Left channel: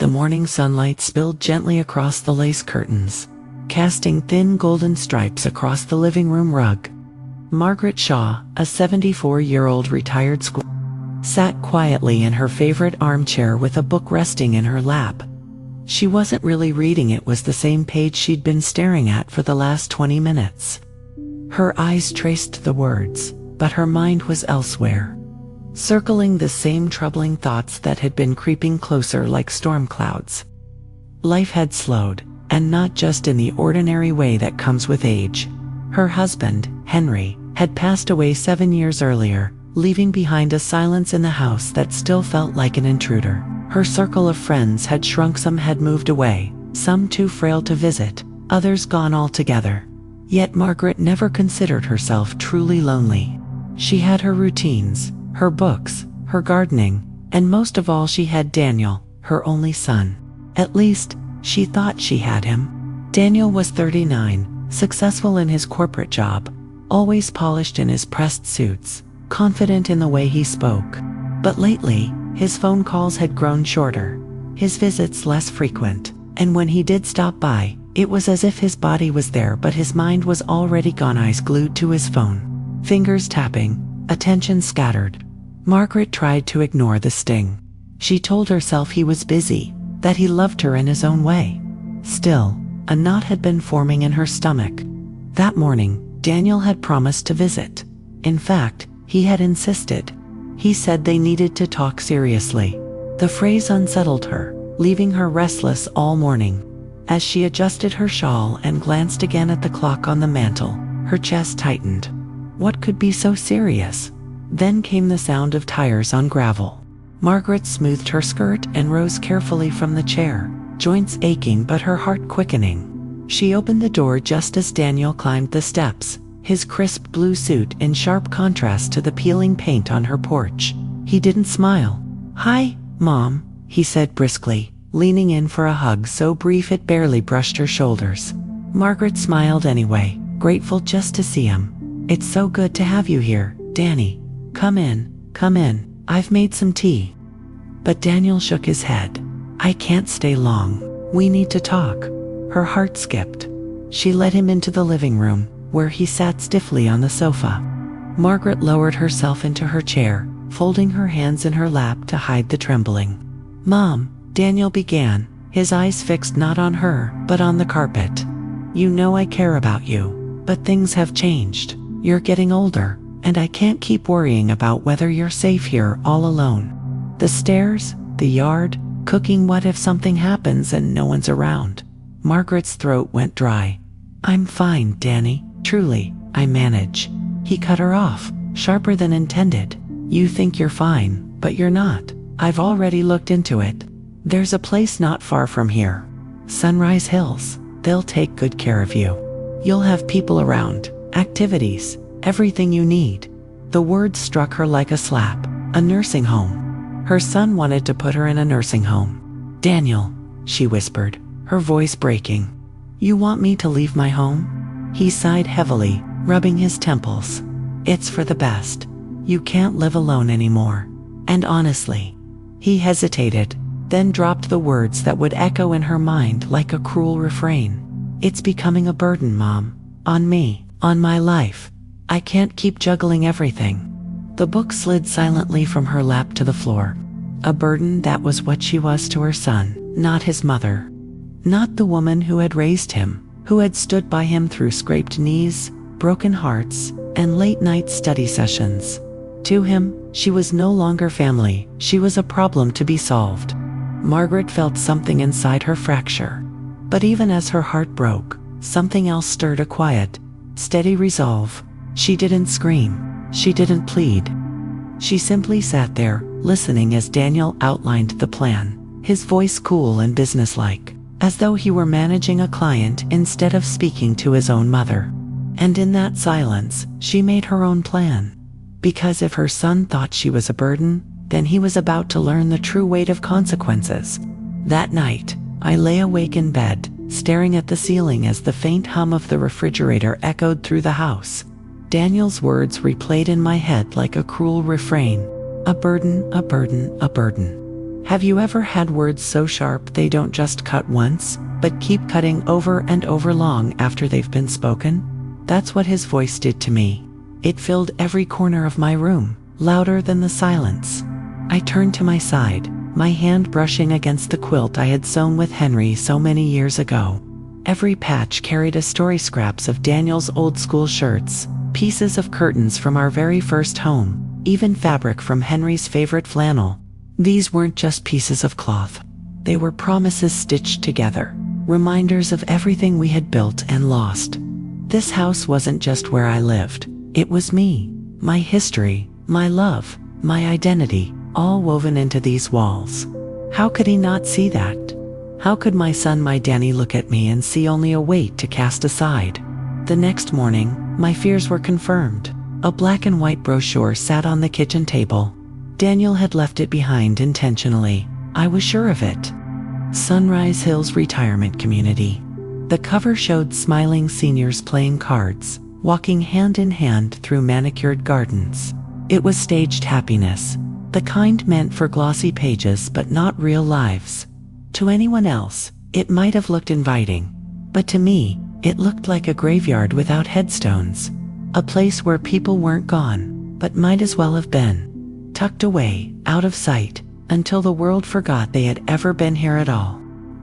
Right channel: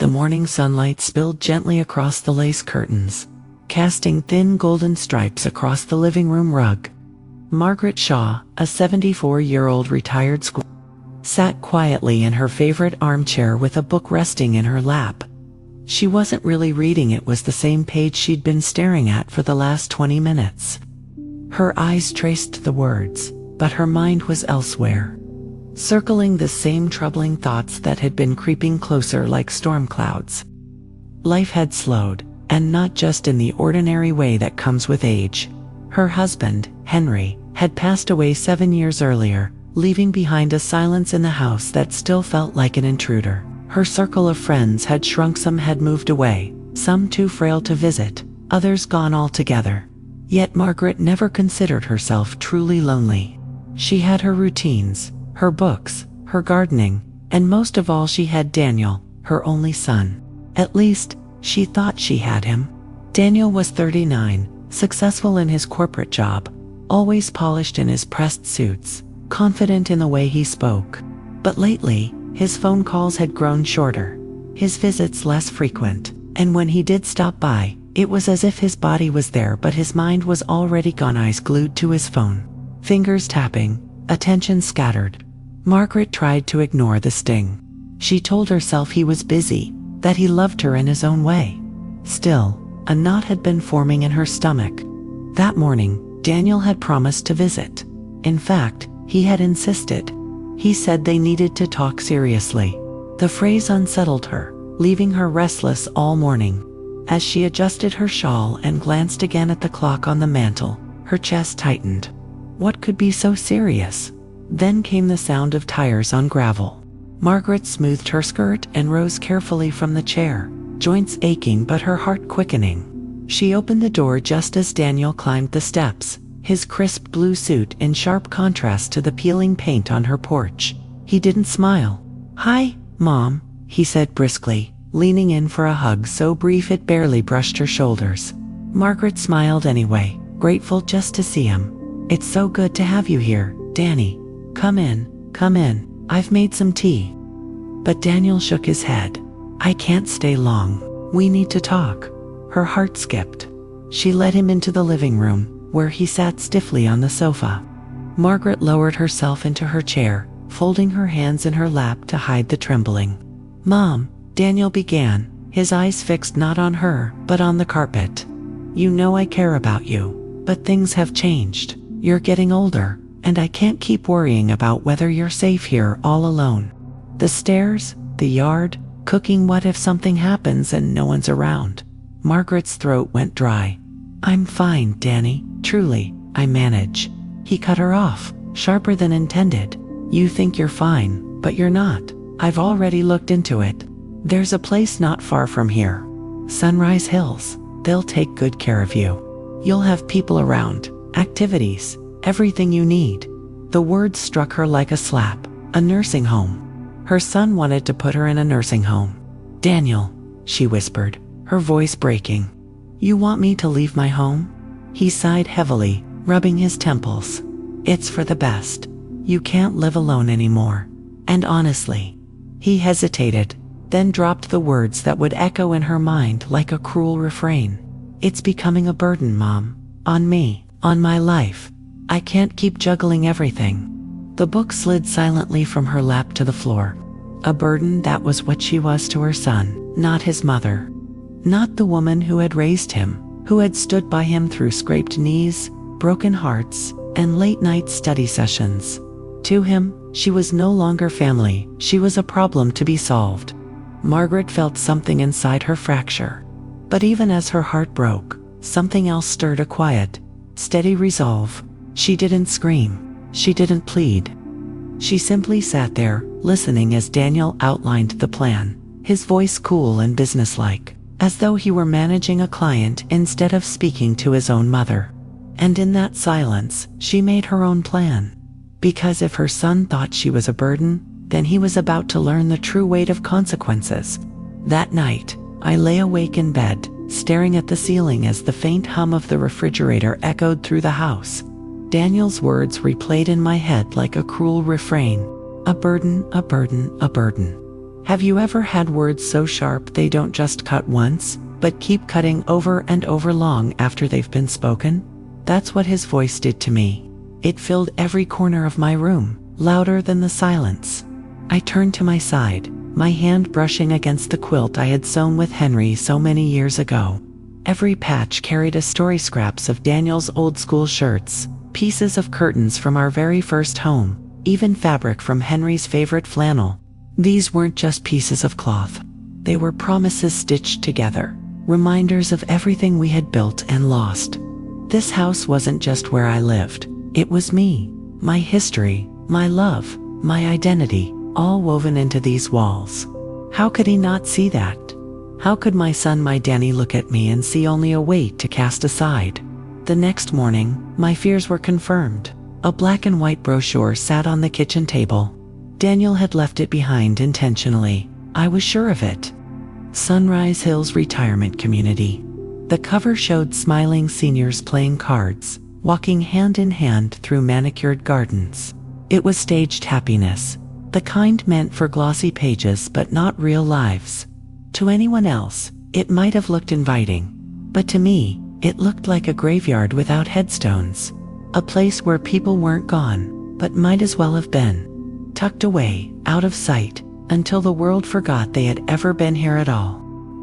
The morning sunlight spilled gently across the lace curtains, casting thin golden stripes across the living room rug. Margaret Shaw, a 74-year-old retired school, sat quietly in her favorite armchair with a book resting in her lap. She wasn't really reading, it was the same page she'd been staring at for the last 20 minutes. Her eyes traced the words, but her mind was elsewhere, circling the same troubling thoughts that had been creeping closer like storm clouds. Life had slowed, and not just in the ordinary way that comes with age. Her husband, Henry, had passed away 7 years earlier, leaving behind a silence in the house that still felt like an intruder. Her circle of friends had shrunk, some had moved away, some too frail to visit, others gone altogether. Yet Margaret never considered herself truly lonely. She had her routines, her books, her gardening, and most of all she had Daniel, her only son. At least, she thought she had him. Daniel was 39, successful in his corporate job, always polished in his pressed suits, confident in the way he spoke. But lately, his phone calls had grown shorter, his visits less frequent, and when he did stop by, it was as if his body was there but his mind was already gone, eyes glued to his phone, fingers tapping, attention scattered. Margaret tried to ignore the sting. She told herself he was busy, that he loved her in his own way. Still, a knot had been forming in her stomach. That morning, Daniel had promised to visit. In fact, he had insisted. He said they needed to talk seriously. The phrase unsettled her, leaving her restless all morning. As she adjusted her shawl and glanced again at the clock on the mantel, her chest tightened. What could be so serious? Then came the sound of tires on gravel. Margaret smoothed her skirt and rose carefully from the chair, joints aching but her heart quickening. She opened the door just as Daniel climbed the steps, his crisp blue suit in sharp contrast to the peeling paint on her porch. He didn't smile. "Hi, Mom," he said briskly, leaning in for a hug so brief it barely brushed her shoulders. Margaret smiled anyway, grateful just to see him. "It's so good to have you here, Danny. Come in, come in. I've made some tea." But Daniel shook his head. "I can't stay long. We need to talk." Her heart skipped. She led him into the living room, where he sat stiffly on the sofa. Margaret lowered herself into her chair, folding her hands in her lap to hide the trembling. "Mom," Daniel began, his eyes fixed not on her, but on the carpet. "You know I care about you, but things have changed. You're getting older, and I can't keep worrying about whether you're safe here all alone. The stairs, the yard, cooking, what if something happens and no one's around?" Margaret's throat went dry. "I'm fine, Danny. Truly, I manage." He cut her off, sharper than intended. "You think you're fine, but you're not. I've already looked into it. There's a place not far from here. Sunrise Hills. They'll take good care of you. You'll have people around, activities, everything you need." The words struck her like a slap. A nursing home. Her son wanted to put her in a nursing home. "Daniel," she whispered, her voice breaking. "You want me to leave my home?" He sighed heavily, rubbing his temples. "It's for the best. You can't live alone anymore. And honestly," he hesitated, then dropped the words that would echo in her mind like a cruel refrain. "It's becoming a burden, Mom. On me, on my life. I can't keep juggling everything." The book slid silently from her lap to the floor. A burden, that was what she was to her son, not his mother. Not the woman who had raised him, who had stood by him through scraped knees, broken hearts, and late-night study sessions. To him, she was no longer family, she was a problem to be solved. Margaret felt something inside her fracture. But even as her heart broke, something else stirred, a quiet, steady resolve. She didn't scream. She didn't plead. She simply sat there, listening as Daniel outlined the plan, his voice cool and businesslike, as though he were managing a client instead of speaking to his own mother. And in that silence, she made her own plan. Because if her son thought she was a burden, then he was about to learn the true weight of consequences. That night, I lay awake in bed, staring at the ceiling as the faint hum of the refrigerator echoed through the house. Daniel's words replayed in my head like a cruel refrain. A burden, a burden, a burden. Have you ever had words so sharp they don't just cut once, but keep cutting over and over long after they've been spoken? That's what his voice did to me. It filled every corner of my room, louder than the silence. I turned to my side, my hand brushing against the quilt I had sewn with Henry so many years ago. Every patch carried a story, scraps of Daniel's old school shirts, pieces of curtains from our very first home, even fabric from Henry's favorite flannel. These weren't just pieces of cloth. They were promises stitched together, reminders of everything we had built and lost. This house wasn't just where I lived. It was me, my history, my love, my identity, all woven into these walls. How could he not see that? How could my son, my Danny, look at me and see only a weight to cast aside? The next morning, my fears were confirmed. A black and white brochure sat on the kitchen table. Daniel had left it behind intentionally. I was sure of it. Sunrise Hills Retirement Community. The cover showed smiling seniors playing cards, walking hand in hand through manicured gardens. It was staged happiness, the kind meant for glossy pages but not real lives. To anyone else, it might have looked inviting, but to me, it looked like a graveyard without headstones. A place where people weren't gone, but might as well have been. Tucked away, out of sight, until the world forgot they had ever been here at all.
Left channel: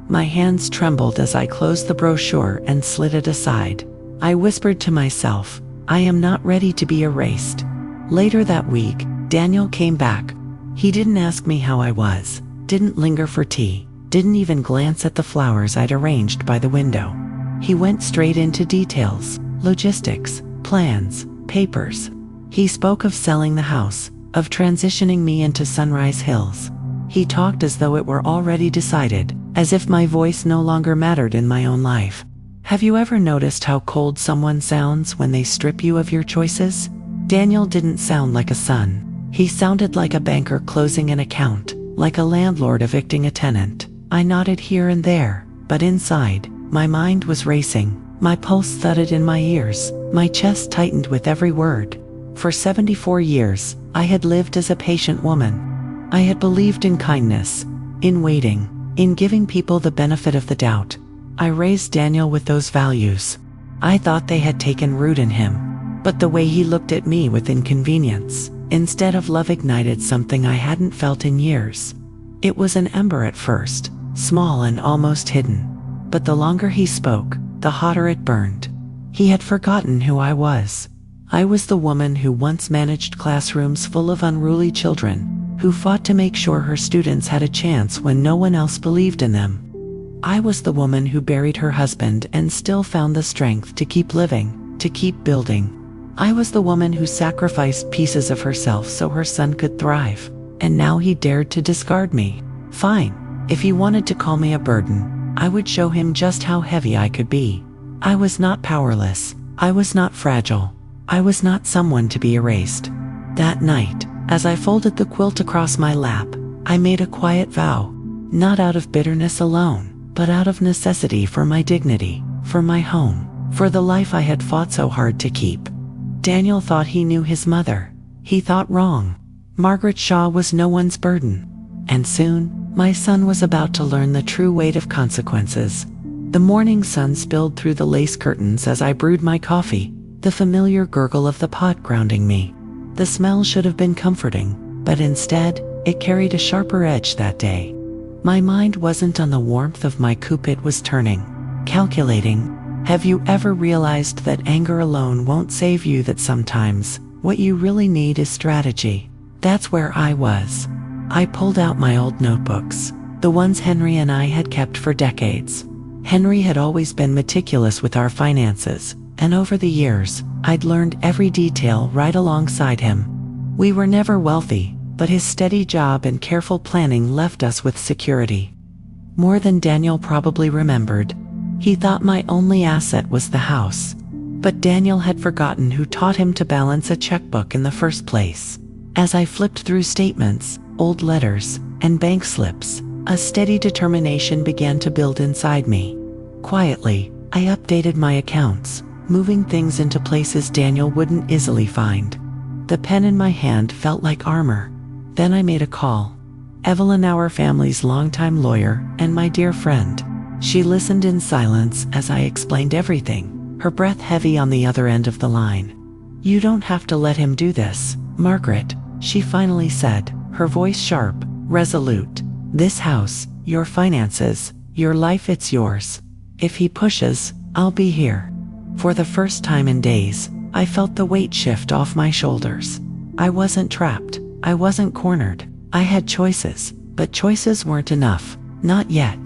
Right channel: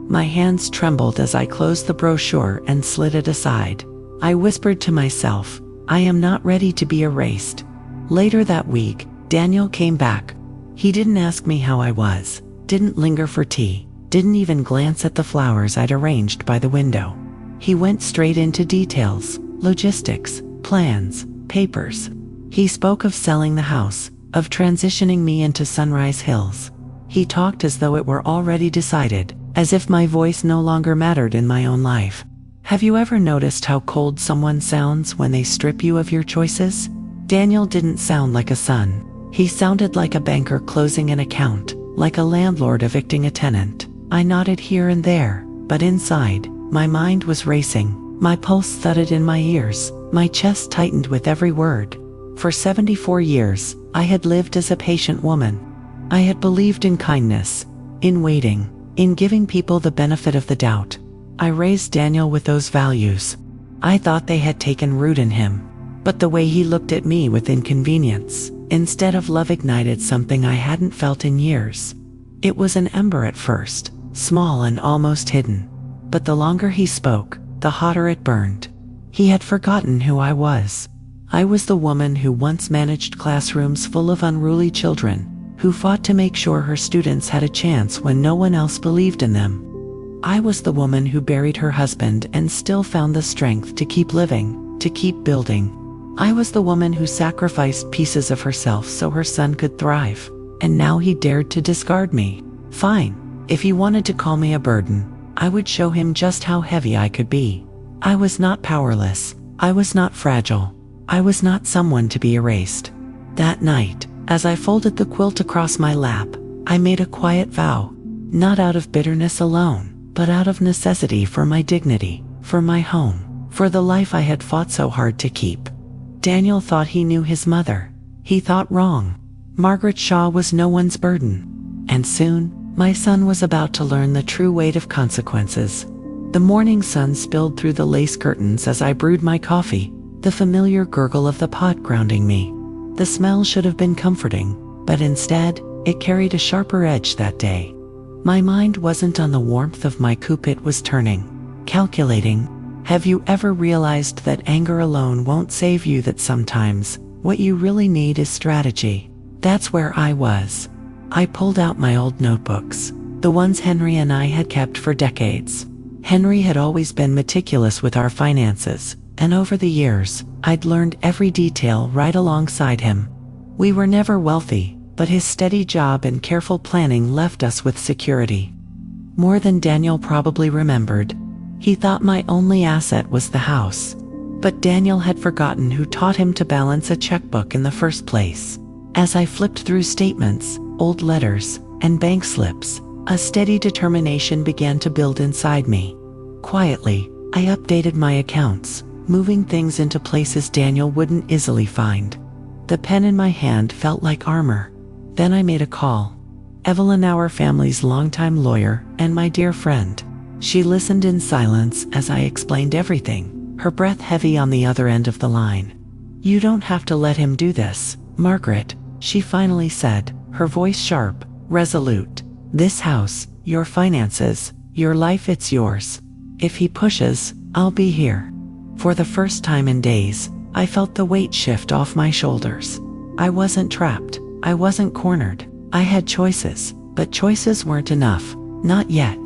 My hands trembled as I closed the brochure and slid it aside. I whispered to myself, I am not ready to be erased. Later that week, Daniel came back. He didn't ask me how I was, didn't linger for tea, didn't even glance at the flowers I'd arranged by the window. He went straight into details, logistics, plans, papers. He spoke of selling the house, of transitioning me into Sunrise Hills. He talked as though it were already decided, as if my voice no longer mattered in my own life. Have you ever noticed how cold someone sounds when they strip you of your choices? Daniel didn't sound like a son. He sounded like a banker closing an account, like a landlord evicting a tenant. I nodded here and there, but inside, my mind was racing. My pulse thudded in my ears, my chest tightened with every word. For 74 years, I had lived as a patient woman. I had believed in kindness, in waiting, in giving people the benefit of the doubt. I raised Daniel with those values. I thought they had taken root in him, but the way he looked at me with inconvenience, instead of love, ignited something I hadn't felt in years. It was an ember at first, small and almost hidden, but the longer he spoke, the hotter it burned. He had forgotten who I was. I was the woman who once managed classrooms full of unruly children, who fought to make sure her students had a chance when no one else believed in them. I was the woman who buried her husband and still found the strength to keep living, to keep building. I was the woman who sacrificed pieces of herself so her son could thrive, and now he dared to discard me. Fine, if he wanted to call me a burden, I would show him just how heavy I could be. I was not powerless. I was not fragile. I was not someone to be erased. That night, as I folded the quilt across my lap, I made a quiet vow, not out of bitterness alone, but out of necessity for my dignity, for my home, for the life I had fought so hard to keep. Daniel thought he knew his mother. He thought wrong. Margaret Shaw was no one's burden. And soon, my son was about to learn the true weight of consequences. The morning sun spilled through the lace curtains as I brewed my coffee, the familiar gurgle of the pot grounding me. The smell should have been comforting, but instead, it carried a sharper edge that day. My mind wasn't on the warmth of my coupe, it was turning, calculating. Have you ever realized that anger alone won't save you, that sometimes what you really need is strategy? That's where I was. I pulled out my old notebooks, the ones Henry and I had kept for decades. Henry had always been meticulous with our finances, and over the years, I'd learned every detail right alongside him. We were never wealthy, but his steady job and careful planning left us with security. More than Daniel probably remembered. He thought my only asset was the house. But Daniel had forgotten who taught him to balance a checkbook in the first place. As I flipped through statements, old letters, and bank slips, a steady determination began to build inside me. Quietly, I updated my accounts, moving things into places Daniel wouldn't easily find. The pen in my hand felt like armor. Then I made a call. Evelyn, our family's longtime lawyer, and my dear friend. She listened in silence as I explained everything, her breath heavy on the other end of the line. "You don't have to let him do this, Margaret," she finally said, her voice sharp, resolute. "This house, your finances, your life, it's yours. If he pushes, I'll be here." For the first time in days, I felt the weight shift off my shoulders. I wasn't trapped. I wasn't cornered. I had choices, but choices weren't enough. Not yet.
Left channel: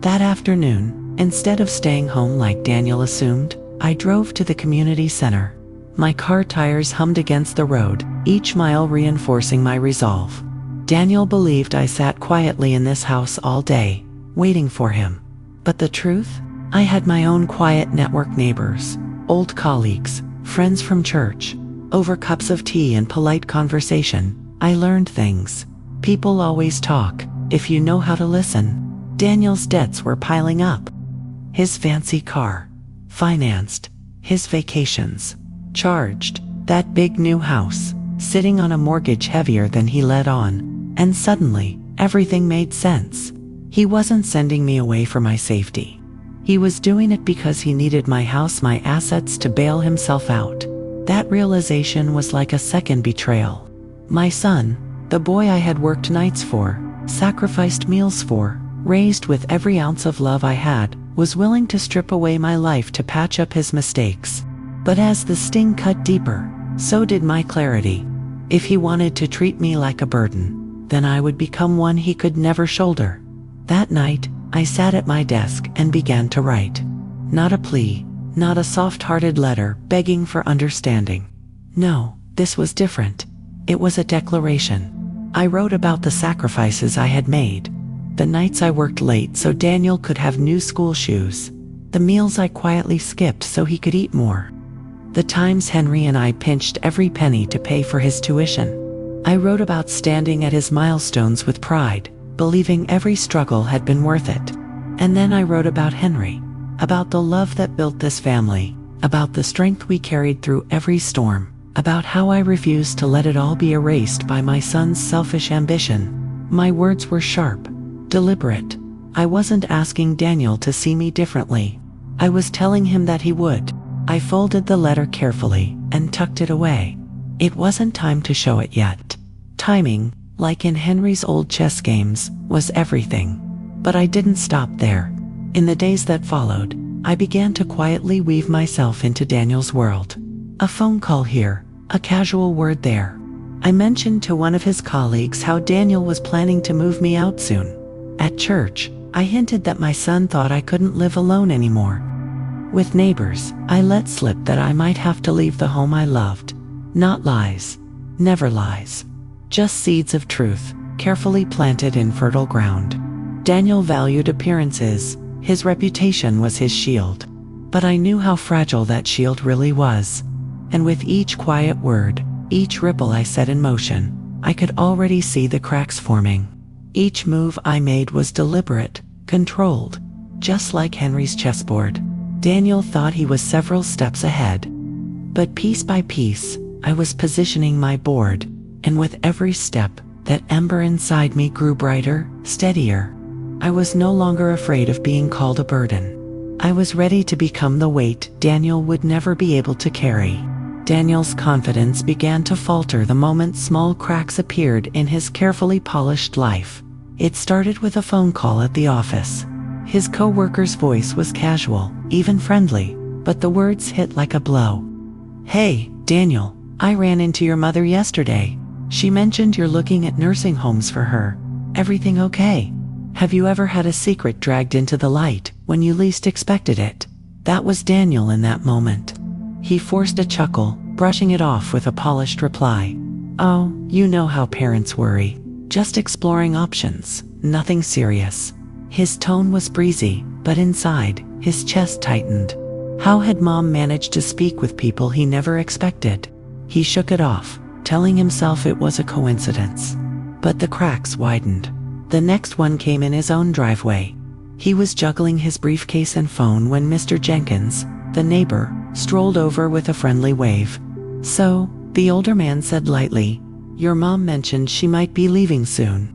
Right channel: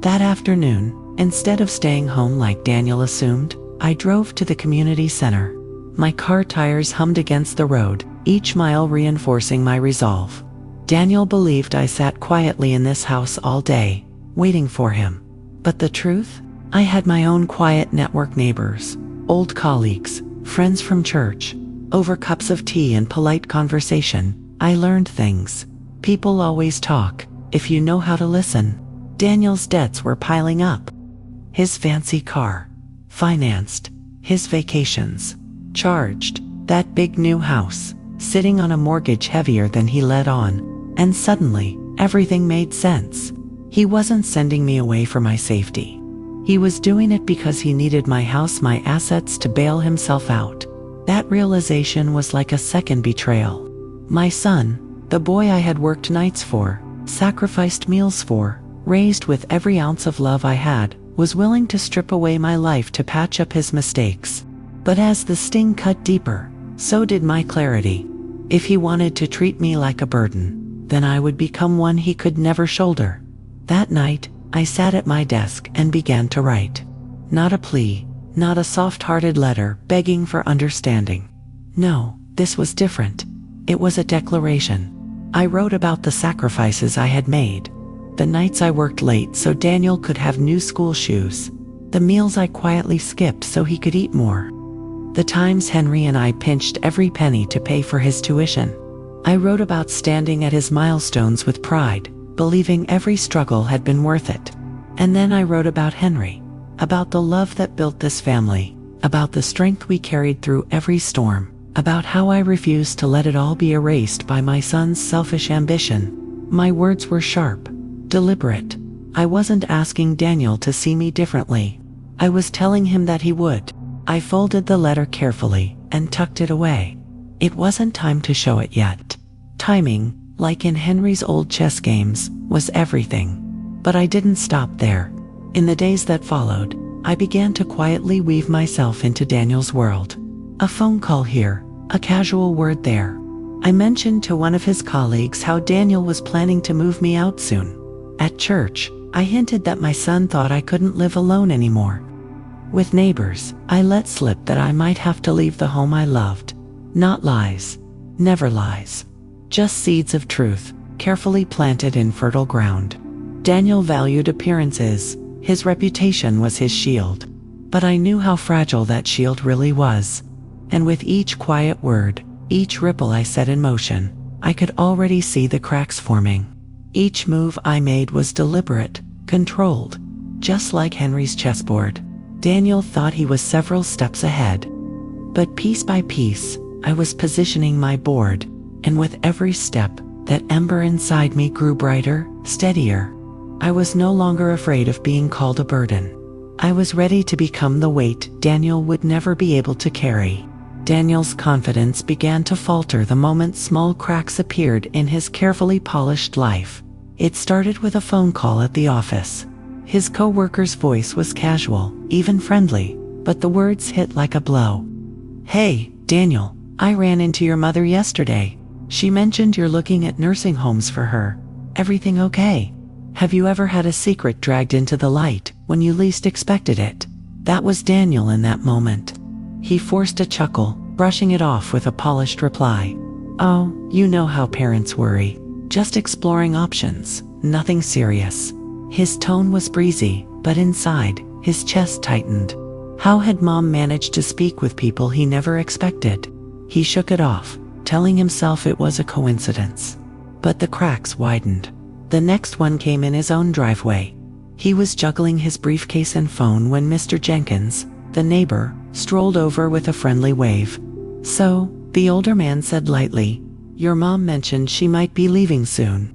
That afternoon, instead of staying home like Daniel assumed, I drove to the community center. My car tires hummed against the road, each mile reinforcing my resolve. Daniel believed I sat quietly in this house all day, waiting for him. But the truth? I had my own quiet network: neighbors, old colleagues, friends from church. Over cups of tea and polite conversation, I learned things. People always talk, if you know how to listen. Daniel's debts were piling up. His fancy car, financed. His vacations, charged. That big new house, sitting on a mortgage heavier than he let on. And suddenly, everything made sense. He wasn't sending me away for my safety. He was doing it because he needed my house, my assets, to bail himself out. That realization was like a second betrayal. My son, the boy I had worked nights for, sacrificed meals for, raised with every ounce of love I had, was willing to strip away my life to patch up his mistakes. But as the sting cut deeper, so did my clarity. If he wanted to treat me like a burden, then I would become one he could never shoulder. That night, I sat at my desk and began to write. Not a plea, not a soft-hearted letter begging for understanding. No, this was different. It was a declaration. I wrote about the sacrifices I had made. The nights I worked late so Daniel could have new school shoes. The meals I quietly skipped so he could eat more. The times Henry and I pinched every penny to pay for his tuition. I wrote about standing at his milestones with pride, believing every struggle had been worth it. And then I wrote about Henry, about the love that built this family, about the strength we carried through every storm, about how I refused to let it all be erased by my son's selfish ambition. My words were sharp, deliberate. I wasn't asking Daniel to see me differently. I was telling him that he would. I folded the letter carefully and tucked it away. It wasn't time to show it yet. Timing, like in Henry's old chess games, was everything. But I didn't stop there. In the days that followed, I began to quietly weave myself into Daniel's world. A phone call here, a casual word there. I mentioned to one of his colleagues how Daniel was planning to move me out soon. At church, I hinted that my son thought I couldn't live alone anymore. With neighbors, I let slip that I might have to leave the home I loved. Not lies. Never lies. Just seeds of truth, carefully planted in fertile ground. Daniel valued appearances. His reputation was his shield. But I knew how fragile that shield really was. And with each quiet word, each ripple I set in motion, I could already see the cracks forming. Each move I made was deliberate, controlled, just like Henry's chessboard. Daniel thought he was several steps ahead. But piece by piece, I was positioning my board, and with every step, that ember inside me grew brighter, steadier. I was no longer afraid of being called a burden. I was ready to become the weight Daniel would never be able to carry. Daniel's confidence began to falter the moment small cracks appeared in his carefully polished life. It started with a phone call at the office. His co-worker's voice was casual, even friendly, but the words hit like a blow. "Hey, Daniel, I ran into your mother yesterday. She mentioned you're looking at nursing homes for her. Everything okay? Have you ever had a secret dragged into the light when you least expected it?" That was Daniel in that moment. He forced a chuckle, brushing it off with a polished reply. "Oh, you know how parents worry. Just exploring options, nothing serious." His tone was breezy, but inside, his chest tightened. How had Mom managed to speak with people he never expected? He shook it off, telling himself it was a coincidence. But the cracks widened. The next one came in his own driveway. He was juggling his briefcase and phone when Mr. Jenkins, the neighbor, strolled over with a friendly wave. "So," the older man said lightly, "your mom mentioned she might be leaving soon."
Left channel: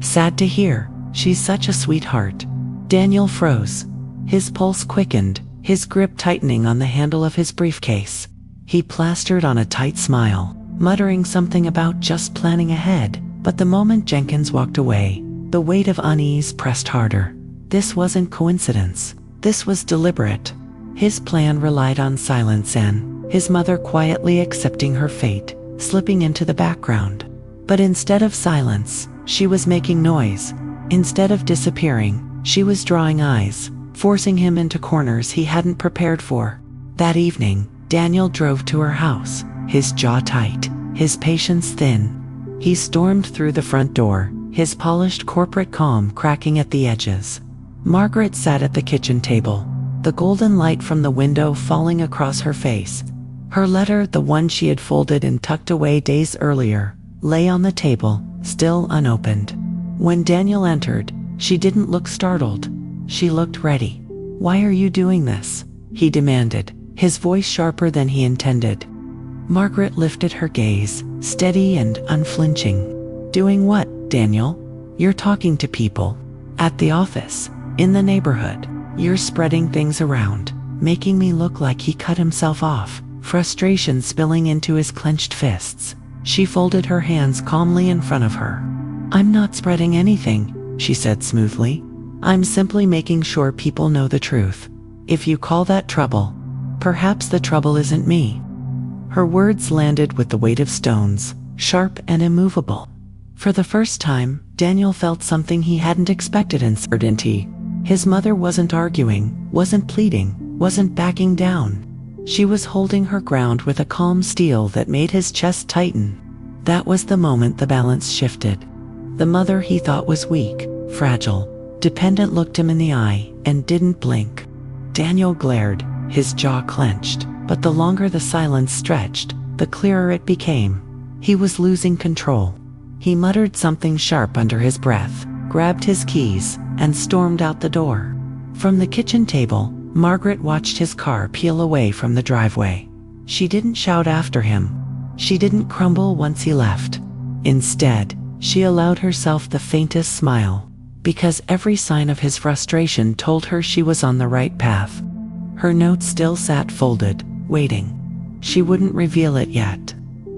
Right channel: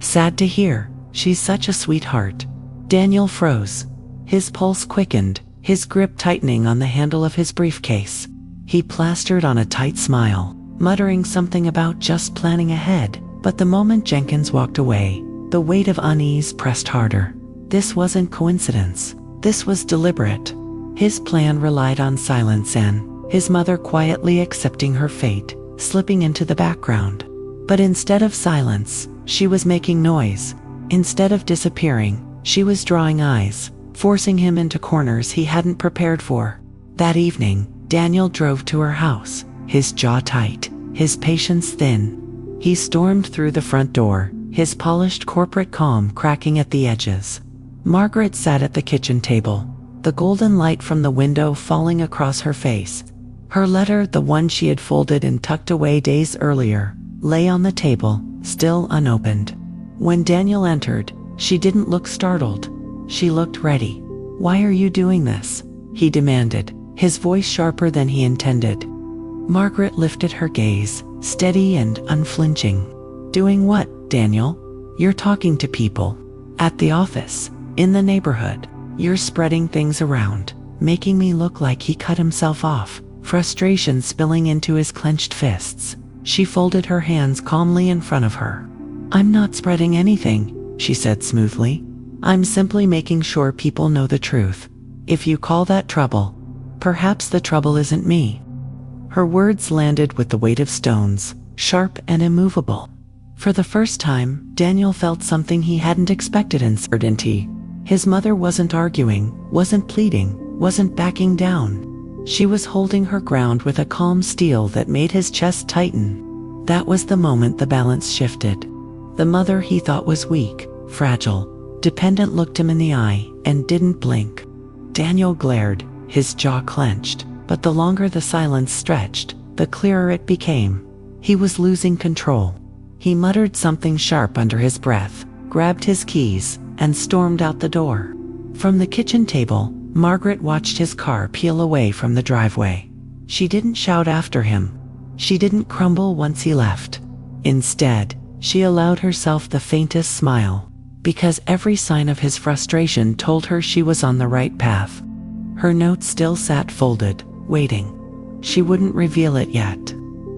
Sad to hear. She's such a sweetheart." Daniel froze. His pulse quickened, his grip tightening on the handle of his briefcase. He plastered on a tight smile, muttering something about just planning ahead. But the moment Jenkins walked away, the weight of unease pressed harder. This wasn't coincidence. This was deliberate. His plan relied on silence and his mother quietly accepting her fate, slipping into the background. But instead of silence, she was making noise. Instead of disappearing, she was drawing eyes, forcing him into corners he hadn't prepared for. That evening, Daniel drove to her house, his jaw tight, his patience thin. He stormed through the front door, his polished corporate calm cracking at the edges. Margaret sat at the kitchen table, the golden light from the window falling across her face. Her letter, the one she had folded and tucked away days earlier, lay on the table, still unopened. When Daniel entered, she didn't look startled. She looked ready. "Why are you doing this?" he demanded, his voice sharper than he intended. Margaret lifted her gaze, steady and unflinching. "Doing what, Daniel?" "You're talking to people. At the office, in the neighborhood. You're spreading things around, making me look like he cut himself off." Frustration spilling into his clenched fists. She folded her hands calmly in front of her. "I'm not spreading anything," she said smoothly. "I'm simply making sure people know the truth. If you call that trouble, perhaps the trouble isn't me." Her words landed with the weight of stones, sharp and immovable. For the first time, Daniel felt something he hadn't expected in certainty. His mother wasn't arguing, wasn't pleading, wasn't backing down. She was holding her ground with a calm steel that made his chest tighten. That was the moment the balance shifted. The mother he thought was weak, fragile, dependent looked him in the eye and didn't blink. Daniel glared, his jaw clenched, but the longer the silence stretched, the clearer it became. He was losing control. He muttered something sharp under his breath, grabbed his keys, and stormed out the door. From the kitchen table, Margaret watched his car peel away from the driveway. She didn't shout after him. She didn't crumble once he left. Instead, she allowed herself the faintest smile, because every sign of his frustration told her she was on the right path. Her note still sat folded, waiting. She wouldn't reveal it yet.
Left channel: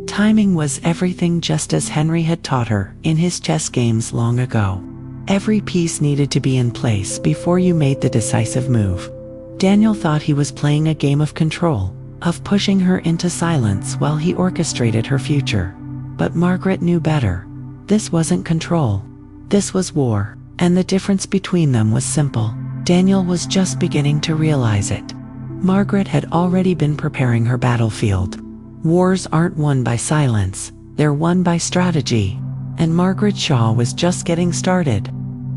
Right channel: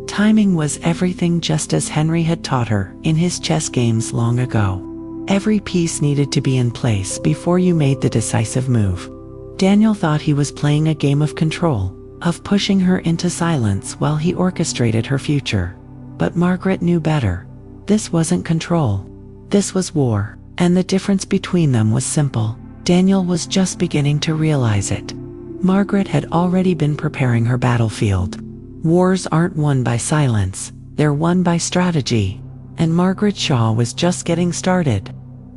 Timing was everything, just as Henry had taught her in his chess games long ago. Every piece needed to be in place before you made the decisive move. Daniel thought he was playing a game of control, of pushing her into silence while he orchestrated her future. But Margaret knew better. This wasn't control. This was war, and the difference between them was simple. Daniel was just beginning to realize it. Margaret had already been preparing her battlefield. Wars aren't won by silence, they're won by strategy. And Margaret Shaw was just getting started.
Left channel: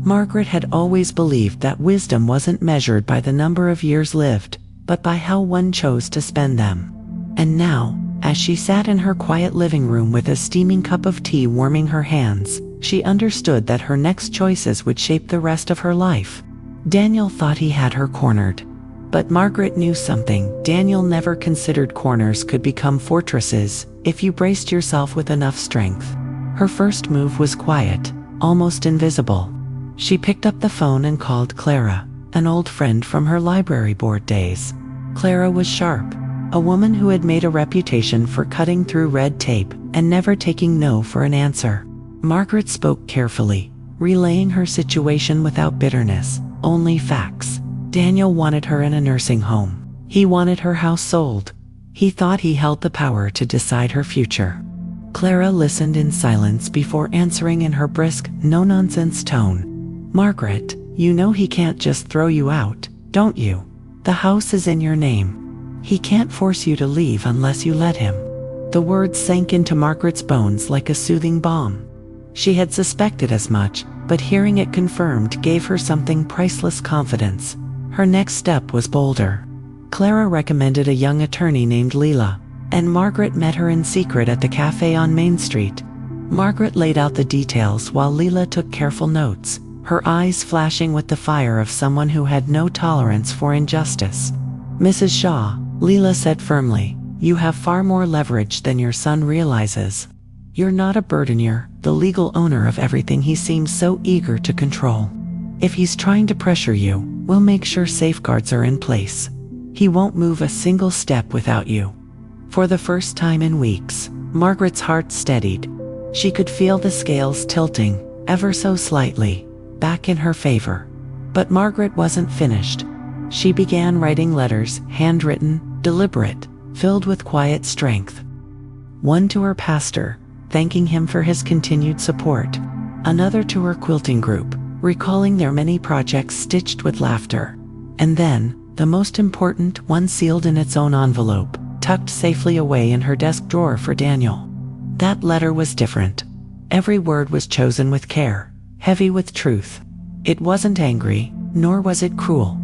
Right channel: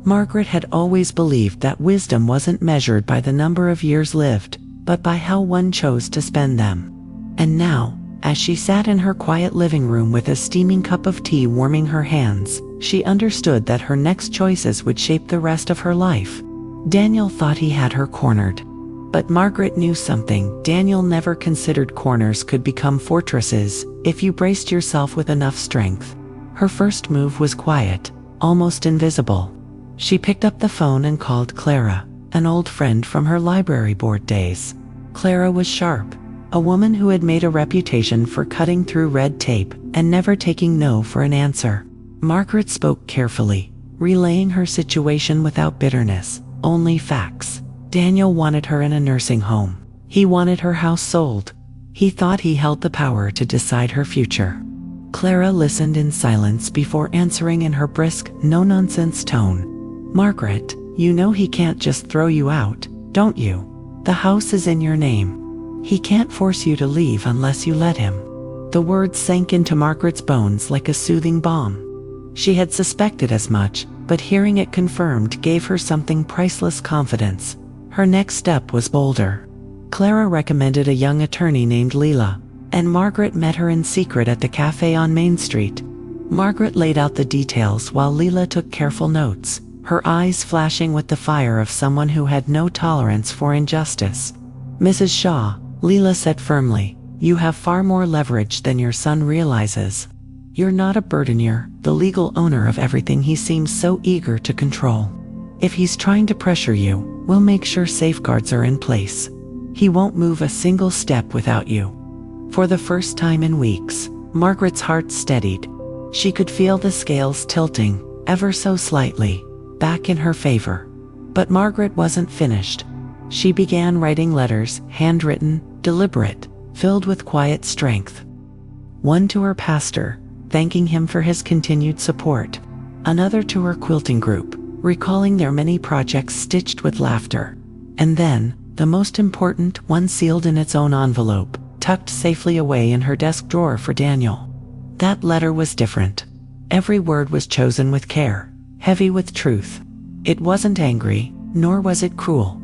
Margaret had always believed that wisdom wasn't measured by the number of years lived, but by how one chose to spend them. And now, as she sat in her quiet living room with a steaming cup of tea warming her hands, she understood that her next choices would shape the rest of her life. Daniel thought he had her cornered. But Margaret knew something. Daniel never considered corners could become fortresses if you braced yourself with enough strength. Her first move was quiet, almost invisible. She picked up the phone and called Clara, an old friend from her library board days. Clara was sharp, a woman who had made a reputation for cutting through red tape and never taking no for an answer. Margaret spoke carefully, relaying her situation without bitterness, only facts. Daniel wanted her in a nursing home. He wanted her house sold. He thought he held the power to decide her future. Clara listened in silence before answering in her brisk, no-nonsense tone. "Margaret, you know he can't just throw you out, don't you? The house is in your name. He can't force you to leave unless you let him." The words sank into Margaret's bones like a soothing balm. She had suspected as much, but hearing it confirmed gave her something priceless: confidence. Her next step was bolder. Clara recommended a young attorney named Leela, and Margaret met her in secret at the cafe on Main Street. Margaret laid out the details while Leela took careful notes, her eyes flashing with the fire of someone who had no tolerance for injustice. "Mrs. Shaw," Leela said firmly, "you have far more leverage than your son realizes." You're not a burden, you're the legal owner of everything he seems so eager to control. If he's trying to pressure you, we'll make sure safeguards are in place. He won't move a single step without you." For the first time in weeks, Margaret's heart steadied. She could feel the scales tilting, ever so slightly, back in her favor. But Margaret wasn't finished. She began writing letters, handwritten, deliberate, filled with quiet strength. One to her pastor, thanking him for his continued support. Another to her quilting group, recalling their many projects stitched with laughter. And then, the most important one sealed in its own envelope, tucked safely away in her desk drawer for Daniel. That letter was different. Every word was chosen with care, heavy with truth. It wasn't angry, nor was it cruel.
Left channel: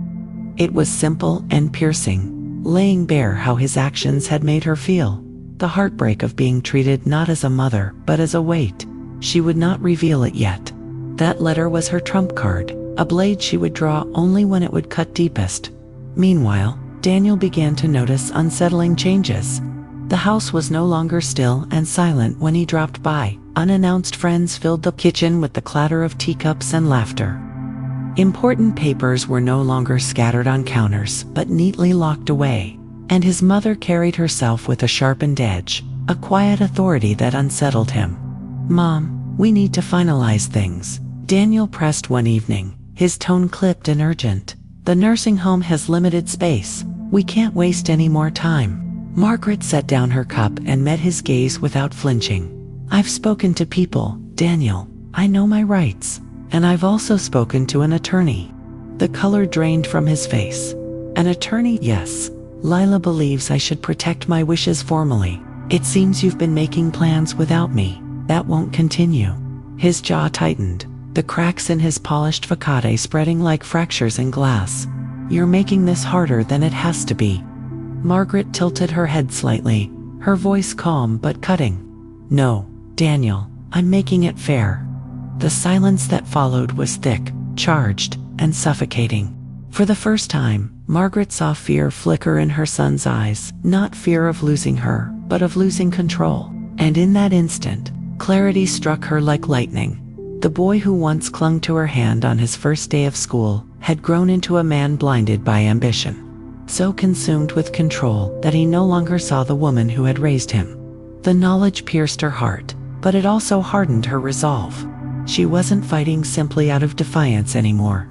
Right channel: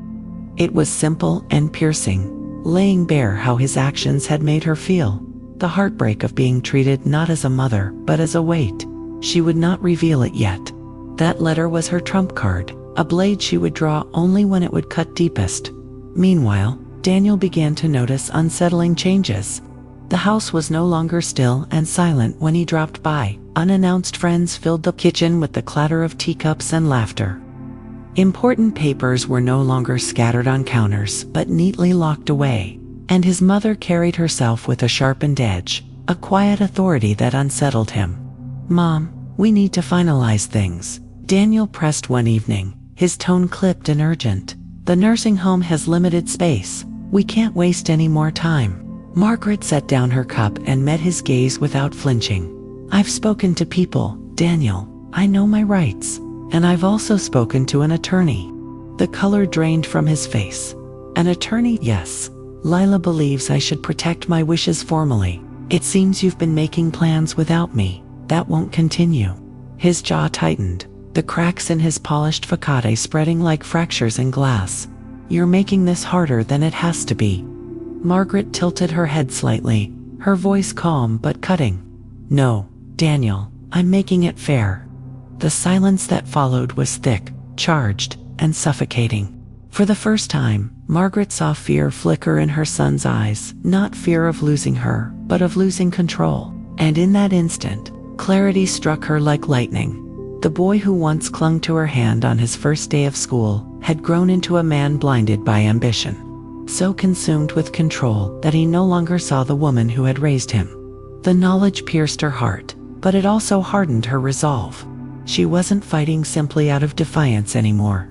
It was simple and piercing, laying bare how his actions had made her feel. The heartbreak of being treated not as a mother, but as a weight. She would not reveal it yet. That letter was her trump card, a blade she would draw only when it would cut deepest. Meanwhile, Daniel began to notice unsettling changes. The house was no longer still and silent when he dropped by. Unannounced friends filled the kitchen with the clatter of teacups and laughter. Important papers were no longer scattered on counters, but neatly locked away. And his mother carried herself with a sharpened edge, a quiet authority that unsettled him. "Mom, we need to finalize things," Daniel pressed one evening, his tone clipped and urgent. "The nursing home has limited space. We can't waste any more time." Margaret set down her cup and met his gaze without flinching. "I've spoken to people, Daniel. I know my rights. And I've also spoken to an attorney." The color drained from his face. "An attorney, yes. Lila believes I should protect my wishes formally. It seems you've been making plans without me. That won't continue." His jaw tightened, the cracks in his polished facade spreading like fractures in glass. "You're making this harder than it has to be." Margaret tilted her head slightly, her voice calm but cutting. "No, Daniel, I'm making it fair." The silence that followed was thick, charged, and suffocating. For the first time, Margaret saw fear flicker in her son's eyes, not fear of losing her, but of losing control. And in that instant, clarity struck her like lightning. The boy who once clung to her hand on his first day of school had grown into a man blinded by ambition, so consumed with control that he no longer saw the woman who had raised him. The knowledge pierced her heart, but it also hardened her resolve. She wasn't fighting simply out of defiance anymore.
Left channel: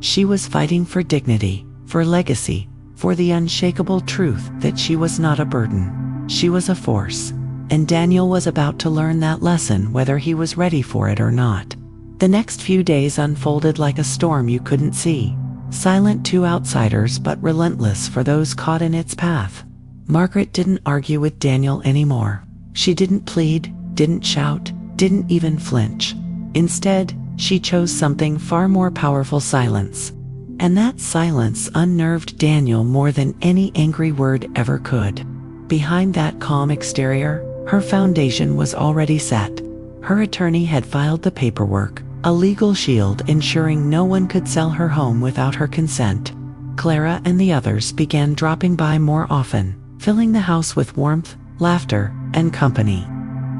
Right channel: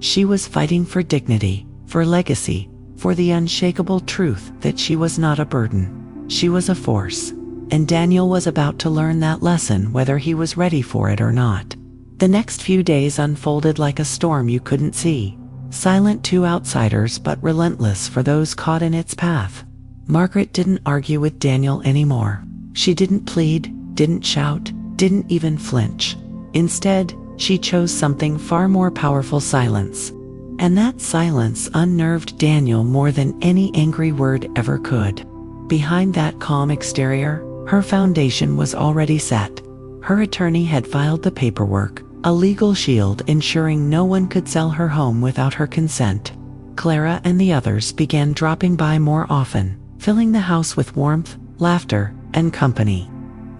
She was fighting for dignity, for legacy, for the unshakable truth that she was not a burden. She was a force, and Daniel was about to learn that lesson whether he was ready for it or not. The next few days unfolded like a storm you couldn't see, silent to outsiders but relentless for those caught in its path. Margaret didn't argue with Daniel anymore. She didn't plead, didn't shout, didn't even flinch. Instead, she chose something far more powerful: silence. And that silence unnerved Daniel more than any angry word ever could. Behind that calm exterior, her foundation was already set. Her attorney had filed the paperwork, a legal shield ensuring no one could sell her home without her consent. Clara and the others began dropping by more often, filling the house with warmth, laughter, and company.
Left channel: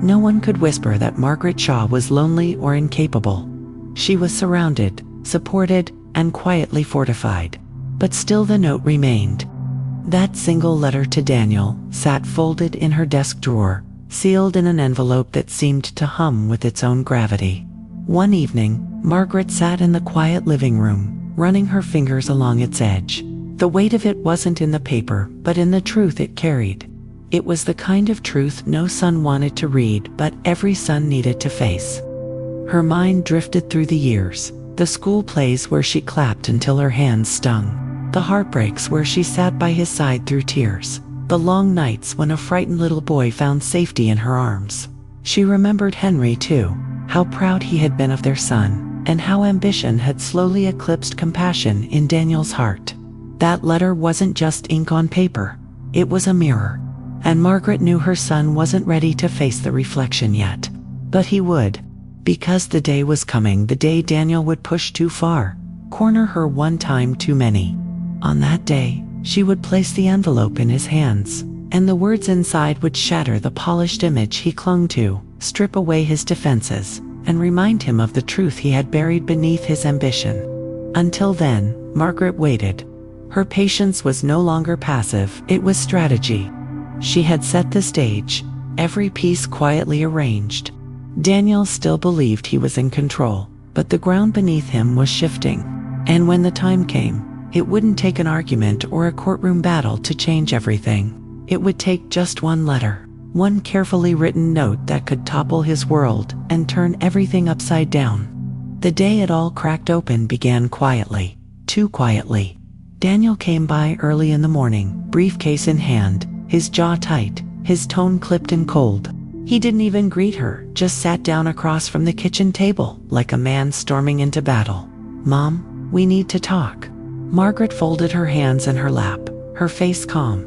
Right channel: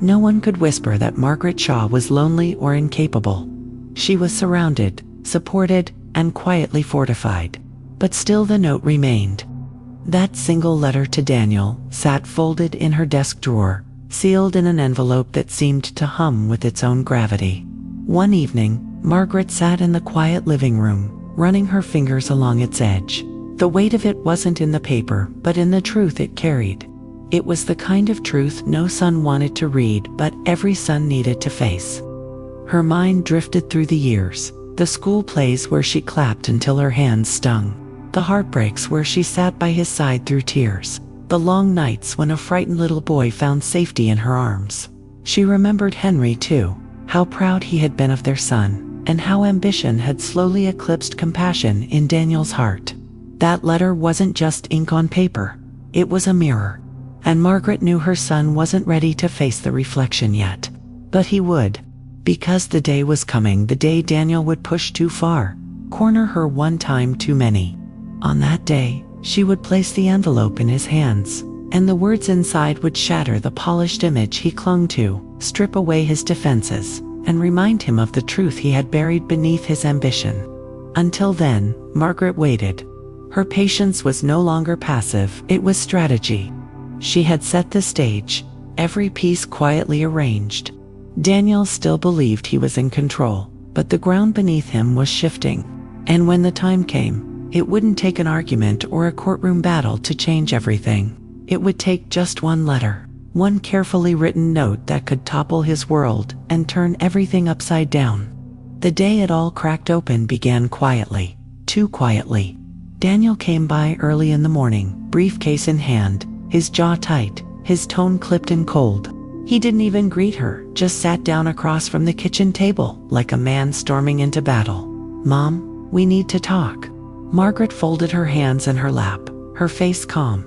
No one could whisper that Margaret Shaw was lonely or incapable. She was surrounded, supported, and quietly fortified. But still the note remained. That single letter to Daniel sat folded in her desk drawer, sealed in an envelope that seemed to hum with its own gravity. One evening, Margaret sat in the quiet living room, running her fingers along its edge. The weight of it wasn't in the paper, but in the truth it carried. It was the kind of truth no son wanted to read, but every son needed to face. Her mind drifted through the years, the school plays where she clapped until her hands stung, the heartbreaks where she sat by his side through tears, the long nights when a frightened little boy found safety in her arms. She remembered Henry too, how proud he had been of their son, and how ambition had slowly eclipsed compassion in Daniel's heart. That letter wasn't just ink on paper, it was a mirror. And Margaret knew her son wasn't ready to face the reflection yet. But he would. Because the day was coming, the day Daniel would push too far, corner her one time too many. On that day, she would place the envelope in his hands, and the words inside would shatter the polished image he clung to, strip away his defenses, and remind him of the truth he had buried beneath his ambition. Until then, Margaret waited. Her patience was no longer passive, it was strategy. She had set the stage, every piece quietly arranged. Daniel still believed he was in control, but the ground beneath him was shifting. And when the time came, it wouldn't take an argument or a courtroom battle to change everything. It would take just one letter, one carefully written note that could topple his world and turn everything upside down. The day it all cracked open began quietly, too quietly. Daniel came by early in the morning, briefcase in hand, his jaw tight, his tone clipped and cold. He didn't even greet her, just sat down across from the kitchen table, like a man storming into battle. "Mom, we need to talk." Margaret folded her hands in her lap, her face calm.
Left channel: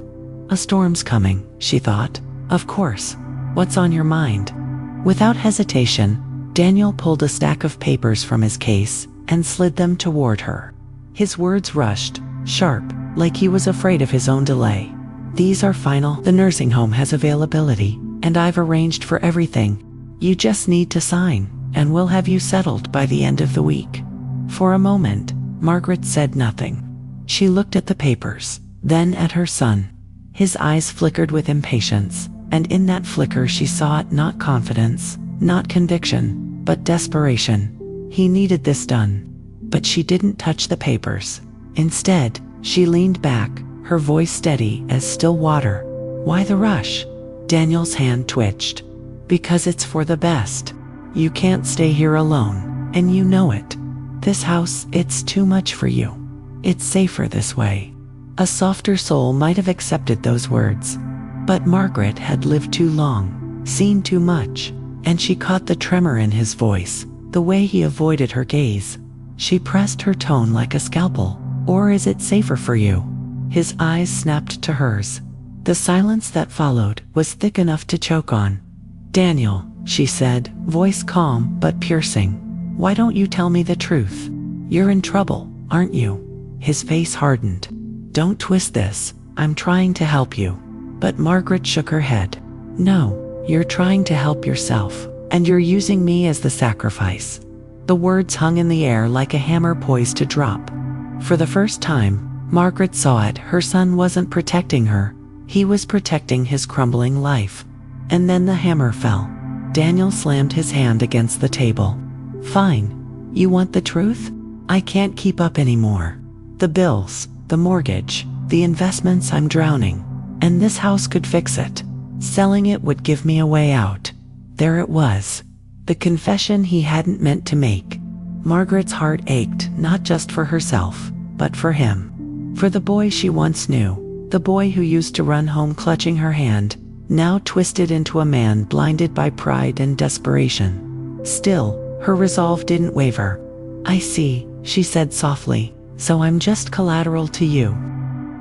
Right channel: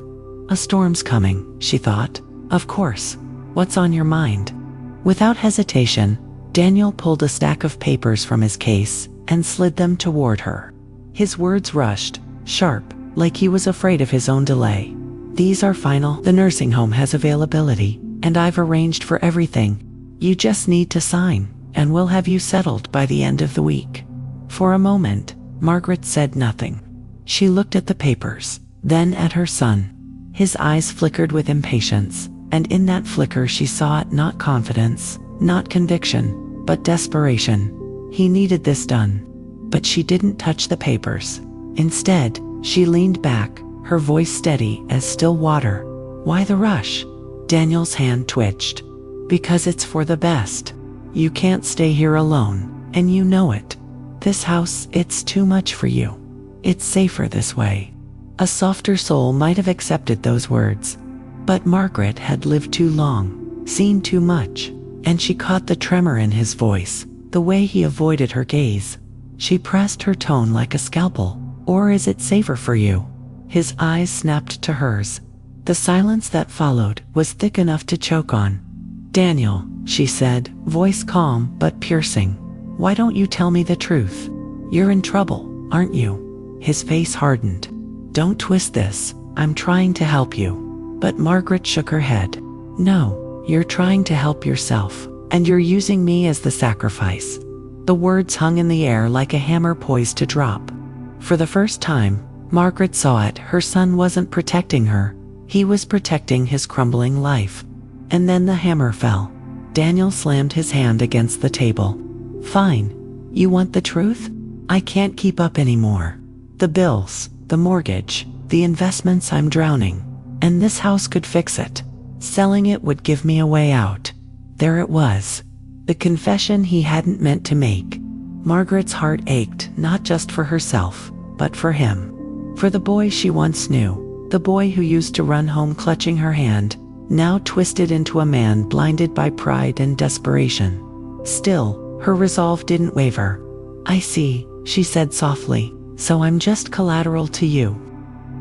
"A storm's coming," she thought. "Of course. What's on your mind?" Without hesitation, Daniel pulled a stack of papers from his case and slid them toward her. His words rushed, sharp, like he was afraid of his own delay. "These are final. The nursing home has availability, and I've arranged for everything. You just need to sign, and we'll have you settled by the end of the week." For a moment, Margaret said nothing. She looked at the papers, then at her son. His eyes flickered with impatience, and in that flicker she saw not confidence, not conviction, but desperation. He needed this done. But she didn't touch the papers. Instead, she leaned back, her voice steady as still water. "Why the rush?" Daniel's hand twitched. "Because it's for the best. You can't stay here alone, and you know it. This house, it's too much for you. It's safer this way." A softer soul might have accepted those words. But Margaret had lived too long, seen too much, and she caught the tremor in his voice, the way he avoided her gaze. She pressed her tone like a scalpel. "Or is it safer for you?" His eyes snapped to hers. The silence that followed was thick enough to choke on. "Daniel," she said, voice calm but piercing. "Why don't you tell me the truth? You're in trouble, aren't you?" His face hardened. "Don't twist this. I'm trying to help you." But Margaret shook her head. "No, you're trying to help yourself, and you're using me as the sacrifice." The words hung in the air like a hammer poised to drop. For the first time, Margaret saw it. Her son wasn't protecting her. He was protecting his crumbling life. And then the hammer fell. Daniel slammed his hand against the table. "Fine. You want the truth? I can't keep up anymore. The bills, the mortgage, the investments, I'm drowning. And this house could fix it. Selling it would give me a way out." There it was. The confession he hadn't meant to make. Margaret's heart ached, not just for herself, but for him. For the boy she once knew. The boy who used to run home clutching her hand, now twisted into a man blinded by pride and desperation. Still, her resolve didn't waver. "I see," she said softly, "so I'm just collateral to you."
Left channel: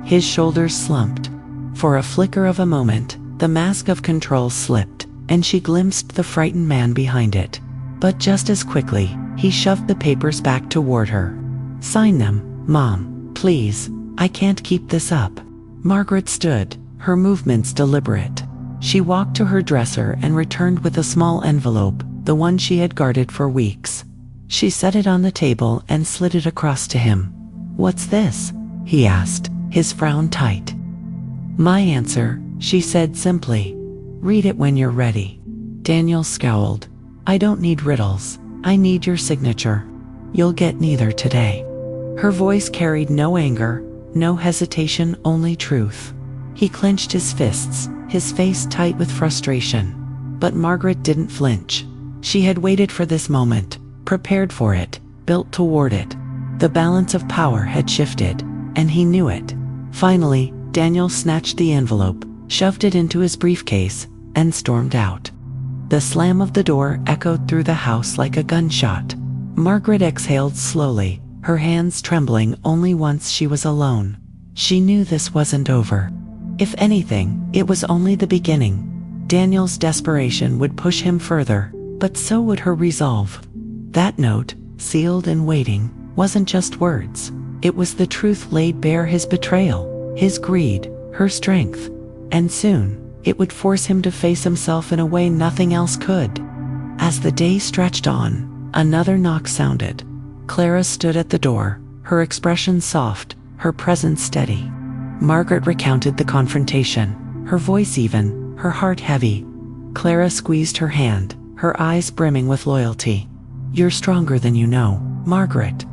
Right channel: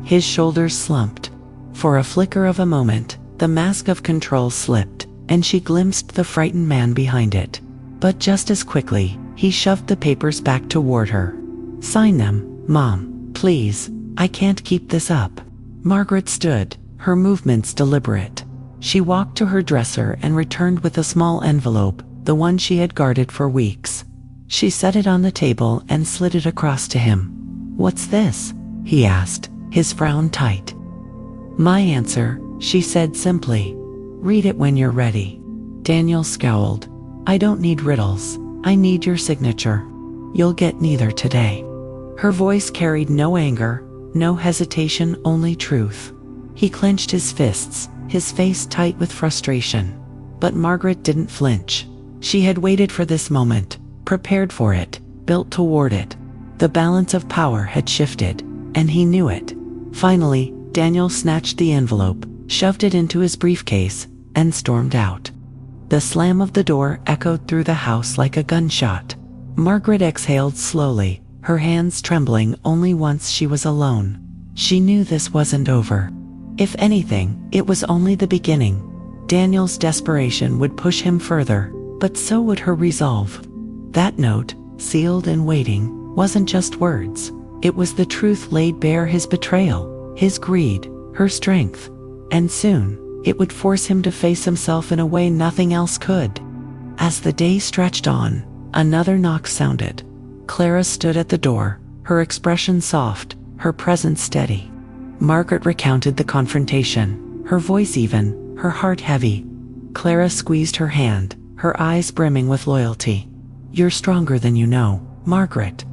His shoulders slumped. For a flicker of a moment, the mask of control slipped, and she glimpsed the frightened man behind it. But just as quickly, he shoved the papers back toward her. "Sign them, Mom, please. I can't keep this up." Margaret stood, her movements deliberate. She walked to her dresser and returned with a small envelope, the one she had guarded for weeks. She set it on the table and slid it across to him. "What's this?" he asked, his frown tight. "My answer," she said simply. "Read it when you're ready." Daniel scowled. "I don't need riddles. I need your signature. You'll get neither today." Her voice carried no anger, no hesitation, only truth. He clenched his fists, his face tight with frustration. But Margaret didn't flinch. She had waited for this moment, prepared for it, built toward it. The balance of power had shifted, and he knew it. Finally, Daniel snatched the envelope, shoved it into his briefcase, and stormed out. The slam of the door echoed through the house like a gunshot. Margaret exhaled slowly, her hands trembling. Only once she was alone. She knew this wasn't over. If anything, it was only the beginning. Daniel's desperation would push him further, but so would her resolve. That note, sealed and waiting, wasn't just words. It was the truth laid bare: his betrayal, his greed, her strength. And soon, it would force him to face himself in a way nothing else could. As the day stretched on, another knock sounded. Clara stood at the door, her expression soft, her presence steady. Margaret recounted the confrontation, her voice even, her heart heavy. Clara squeezed her hand, her eyes brimming with loyalty. "You're stronger than you know, Margaret.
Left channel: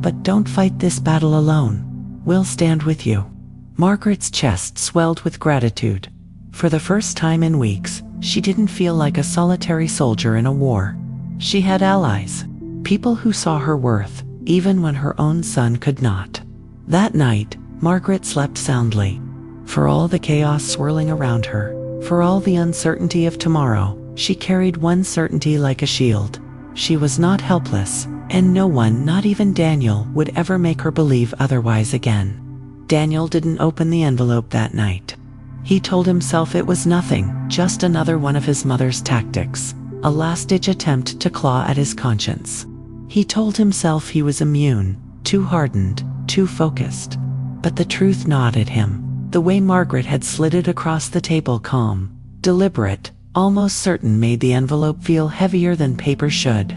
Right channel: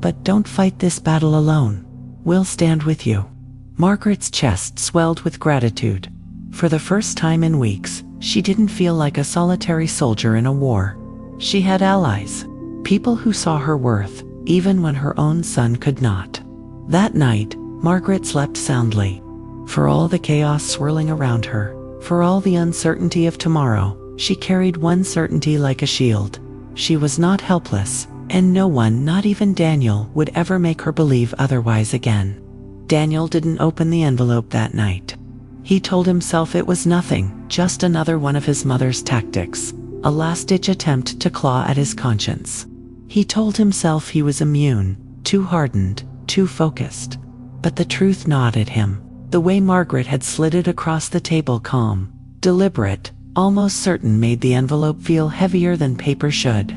But don't fight this battle alone. We'll stand with you." Margaret's chest swelled with gratitude. For the first time in weeks, she didn't feel like a solitary soldier in a war. She had allies, people who saw her worth, even when her own son could not. That night, Margaret slept soundly. For all the chaos swirling around her, for all the uncertainty of tomorrow, she carried one certainty like a shield. She was not helpless, and no one, not even Daniel, would ever make her believe otherwise again. Daniel didn't open the envelope that night. He told himself it was nothing, just another one of his mother's tactics, a last-ditch attempt to claw at his conscience. He told himself he was immune, too hardened, too focused. But the truth gnawed at him. The way Margaret had slid it across the table, calm, deliberate, almost certain, made the envelope feel heavier than paper should.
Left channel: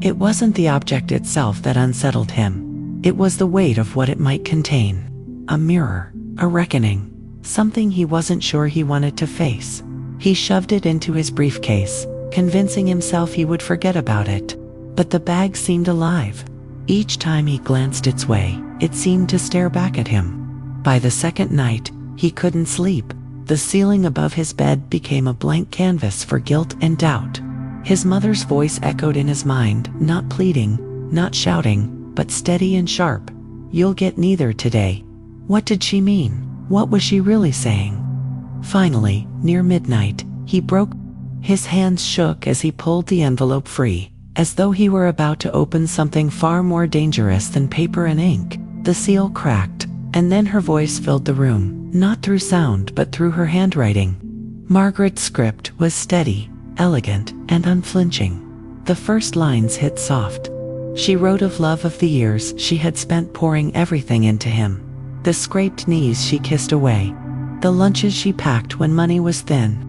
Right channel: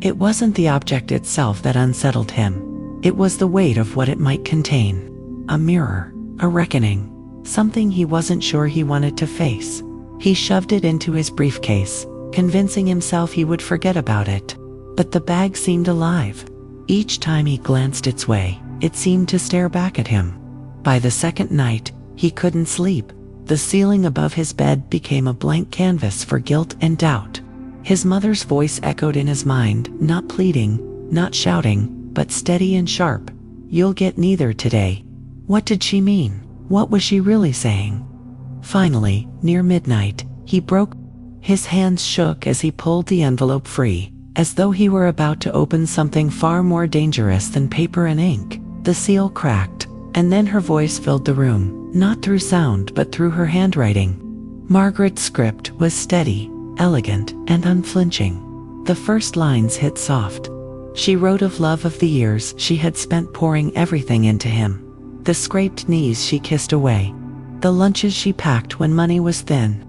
It wasn't the object itself that unsettled him. It was the weight of what it might contain. A mirror, a reckoning, something he wasn't sure he wanted to face. He shoved it into his briefcase, convincing himself he would forget about it. But the bag seemed alive. Each time he glanced its way, it seemed to stare back at him. By the second night, he couldn't sleep. The ceiling above his bed became a blank canvas for guilt and doubt. His mother's voice echoed in his mind, not pleading, not shouting, but steady and sharp. "You'll get neither today." What did she mean? What was she really saying? Finally, near midnight, he broke. His hands shook as he pulled the envelope free, as though he were about to open something far more dangerous than paper and ink. The seal cracked, and then her voice filled the room, not through sound but through her handwriting. Margaret's script was steady, elegant, and unflinching. The first lines hit soft. She wrote of love, of the years she had spent pouring everything into him. The scraped knees she kissed away. The lunches she packed when money was thin.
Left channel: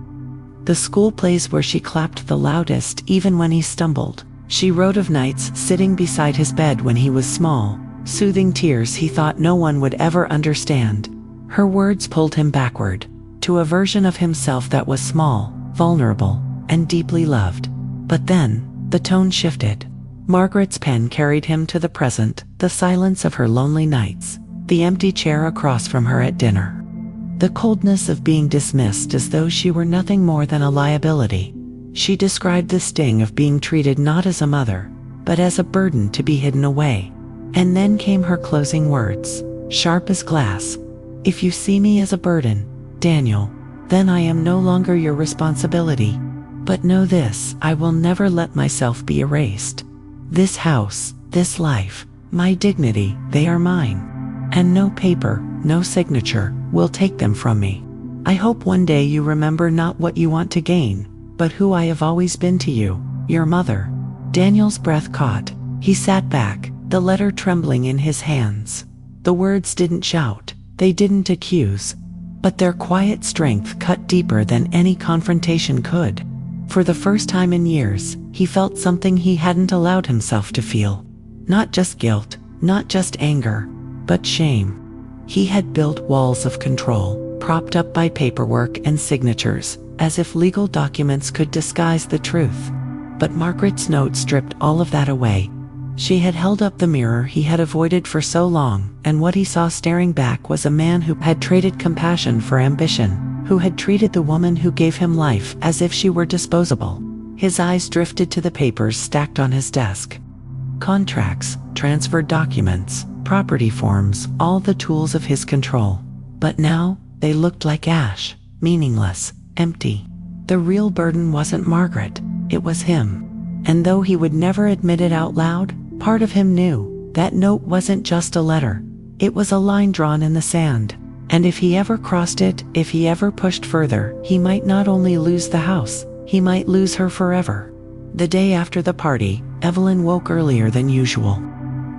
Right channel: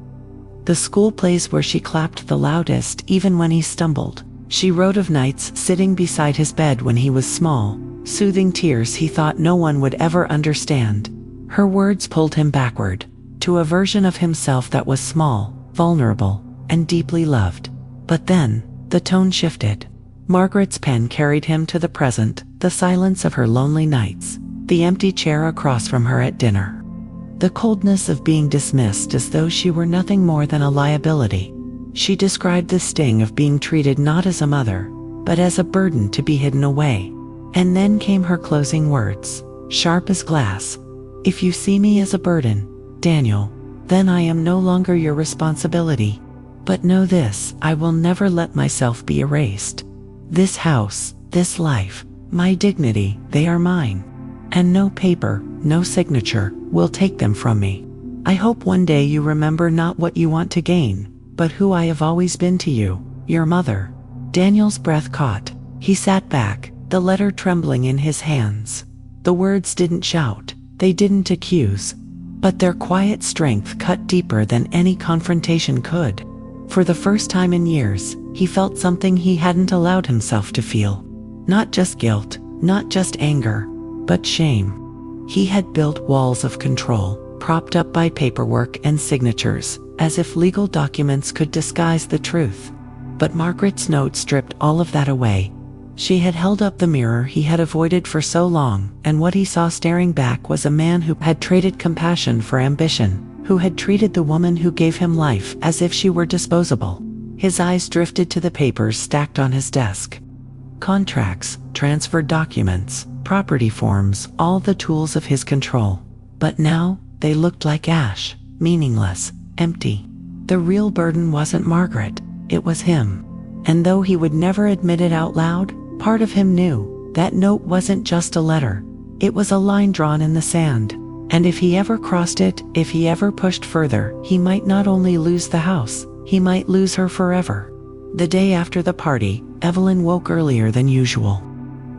The school plays where she clapped the loudest even when he stumbled. She wrote of nights sitting beside his bed when he was small, soothing tears he thought no one would ever understand. Her words pulled him backward, to a version of himself that was small, vulnerable, and deeply loved. But then, the tone shifted. Margaret's pen carried him to the present, the silence of her lonely nights, the empty chair across from her at dinner. The coldness of being dismissed as though she were nothing more than a liability. She described the sting of being treated not as a mother, but as a burden to be hidden away. And then came her closing words, sharp as glass. "If you see me as a burden, Daniel, then I am no longer your responsibility. But know this, I will never let myself be erased. This house, this life, my dignity, they are mine. And no paper, no signature, will take them from me. I hope one day you remember not what you want to gain, but who I have always been to you, your mother." Daniel's breath caught. He sat back, the letter trembling in his hands. The words didn't shout, they didn't accuse, but their quiet strength cut deeper than any confrontation could. For the first time in years, he felt something he hadn't allowed himself to feel. Not just guilt, not just anger, but shame. He had built walls of control, propped up by paperwork and signatures, as if legal documents could disguise the truth. But Margaret's note stripped all of that away. She had held up the mirror he had avoided for so long, and what he saw staring back was a man who had traded compassion for ambition, who had treated the woman who gave him life as if she were disposable. His eyes drifted to the papers stacked on his desk. Contracts, transferred documents, property forms, all the tools of his control. But now, they looked like ash, meaningless, empty. The real burden wasn't Margaret, it was him. And though he would never admit it out loud, part of him knew that note wasn't just a letter. It was a line drawn in the sand. And if he ever crossed it, if he ever pushed further, he might not only lose the house, he might lose her forever. The day after the party, Evelyn woke earlier than usual.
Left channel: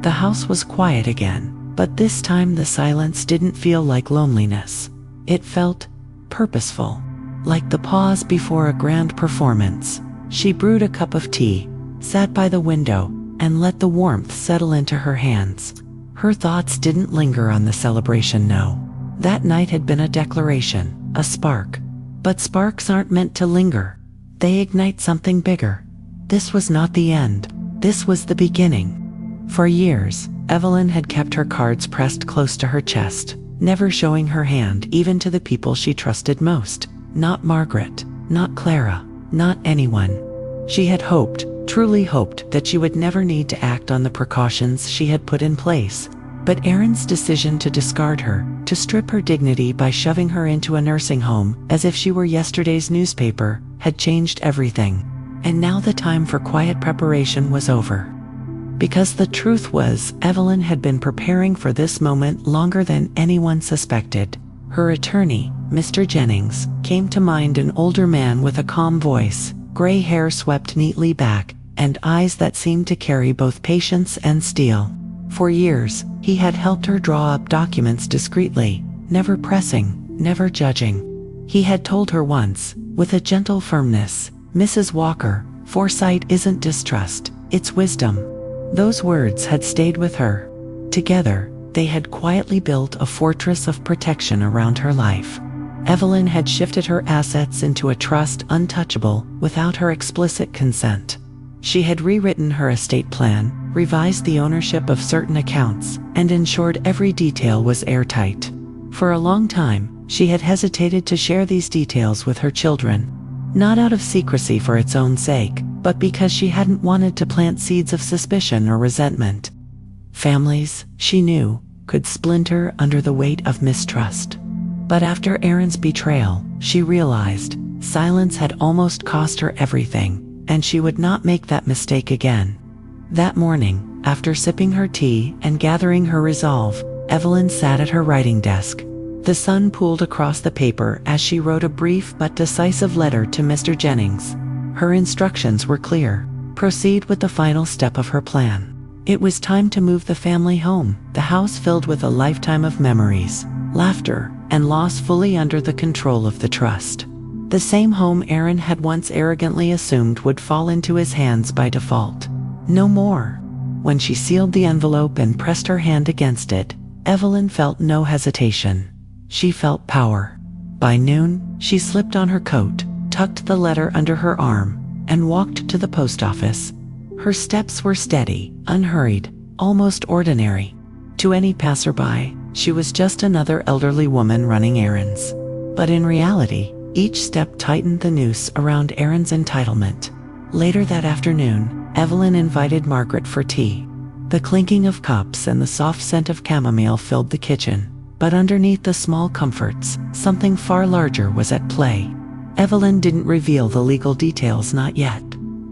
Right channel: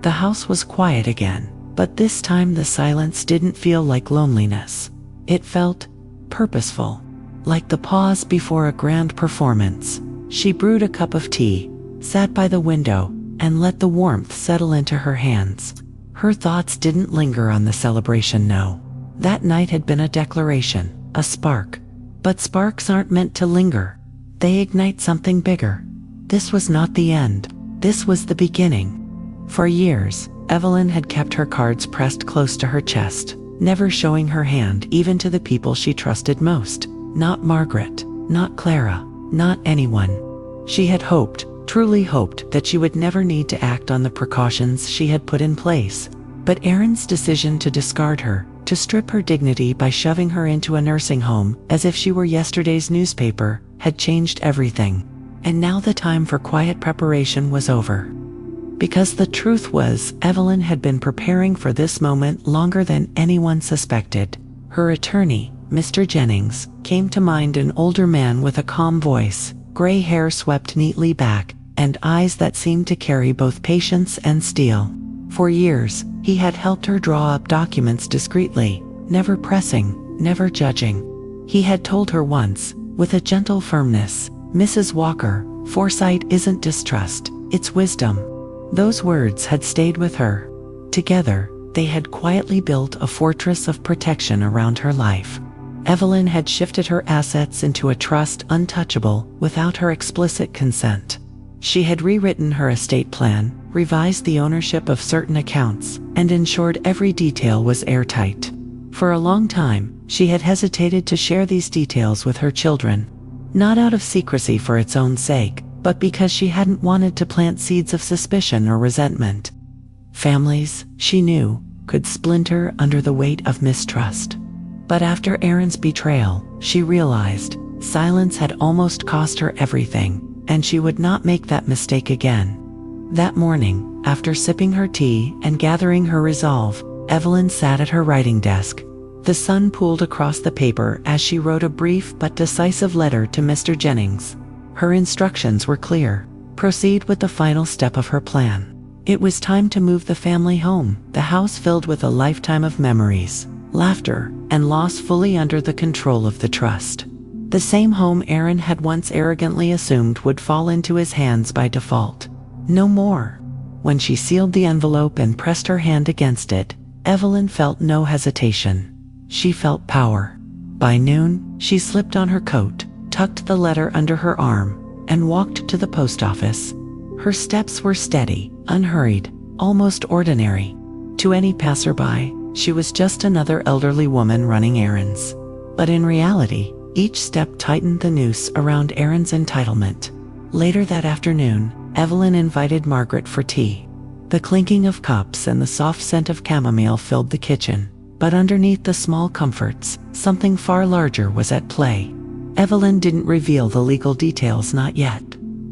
The house was quiet again, but this time the silence didn't feel like loneliness. It felt purposeful, like the pause before a grand performance. She brewed a cup of tea, sat by the window, and let the warmth settle into her hands. Her thoughts didn't linger on the celebration, no. That night had been a declaration, a spark. But sparks aren't meant to linger. They ignite something bigger. This was not the end. This was the beginning. For years, Evelyn had kept her cards pressed close to her chest, never showing her hand even to the people she trusted most. Not Margaret, not Clara, not anyone. She had hoped, truly hoped, that she would never need to act on the precautions she had put in place. But Erin's decision to discard her, to strip her dignity by shoving her into a nursing home as if she were yesterday's newspaper, had changed everything. And now the time for quiet preparation was over. Because the truth was, Evelyn had been preparing for this moment longer than anyone suspected. Her attorney, Mr. Jennings, came to mind, an older man with a calm voice, gray hair swept neatly back, and eyes that seemed to carry both patience and steel. For years, he had helped her draw up documents discreetly, never pressing, never judging. He had told her once, with a gentle firmness, "Mrs. Walker, foresight isn't distrust, it's wisdom." Those words had stayed with her. Together, they had quietly built a fortress of protection around her life. Evelyn had shifted her assets into a trust untouchable without her explicit consent. She had rewritten her estate plan, revised the ownership of certain accounts, and ensured every detail was airtight. For a long time, she had hesitated to share these details with her children, not out of secrecy for its own sake, but because she hadn't wanted to plant seeds of suspicion or resentment. Families, she knew, could splinter under the weight of mistrust. But after Erin's betrayal, she realized silence had almost cost her everything, and she would not make that mistake again. That morning, after sipping her tea and gathering her resolve, Evelyn sat at her writing desk. The sun pooled across the paper as she wrote a brief but decisive letter to Mr. Jennings. Her instructions were clear. Proceed with the final step of her plan. It was time to move the family home, the house filled with a lifetime of memories, laughter, and loss fully under the control of the trust. The same home Erin had once arrogantly assumed would fall into his hands by default. No more. When she sealed the envelope and pressed her hand against it, Evelyn felt no hesitation. She felt power. By noon, she slipped on her coat, tucked the letter under her arm, and walked to the post office. Her steps were steady, unhurried, almost ordinary. To any passerby, she was just another elderly woman running errands. But in reality, each step tightened the noose around Erin's entitlement. Later that afternoon, Evelyn invited Margaret for tea. The clinking of cups and the soft scent of chamomile filled the kitchen. But underneath the small comforts, something far larger was at play. Evelyn didn't reveal the legal details, not yet.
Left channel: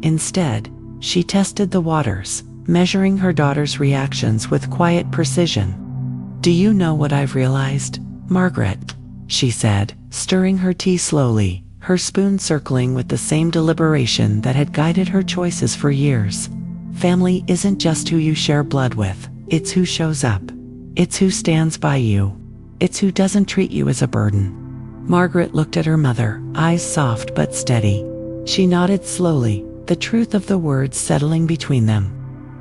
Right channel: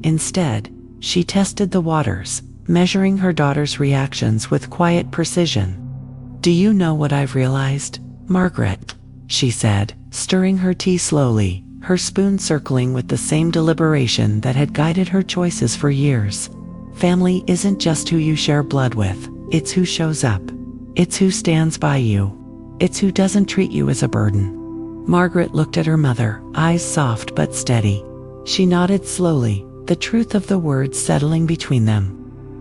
Instead, she tested the waters, measuring her daughter's reactions with quiet precision. "Do you know what I've realized, Margaret?" she said, stirring her tea slowly, her spoon circling with the same deliberation that had guided her choices for years. Family isn't just who you share blood with, it's who shows up. It's who stands by you. It's who doesn't treat you as a burden. Margaret looked at her mother, eyes soft but steady. She nodded slowly, the truth of the words settling between them.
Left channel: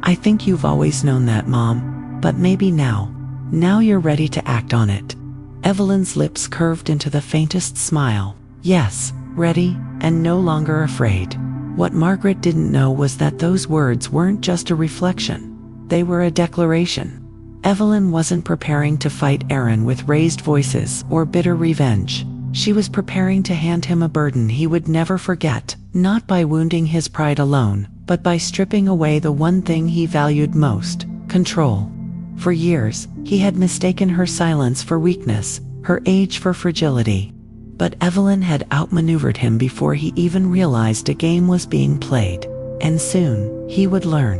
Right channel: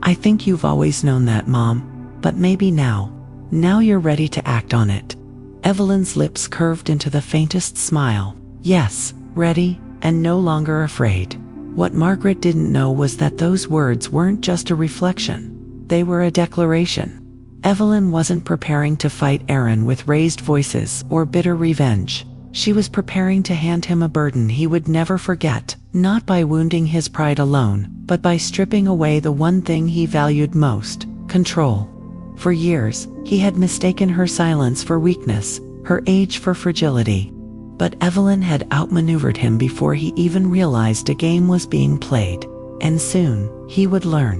"I think you've always known that, Mom. But maybe now you're ready to act on it." Evelyn's lips curved into the faintest smile. Yes, ready, and no longer afraid. What Margaret didn't know was that those words weren't just a reflection. They were a declaration. Evelyn wasn't preparing to fight Erin with raised voices or bitter revenge. She was preparing to hand him a burden he would never forget, not by wounding his pride alone, but by stripping away the one thing he valued most: control. For years, he had mistaken her silence for weakness, her age for fragility. But Evelyn had outmaneuvered him before he even realized a game was being played. And soon, he would learn.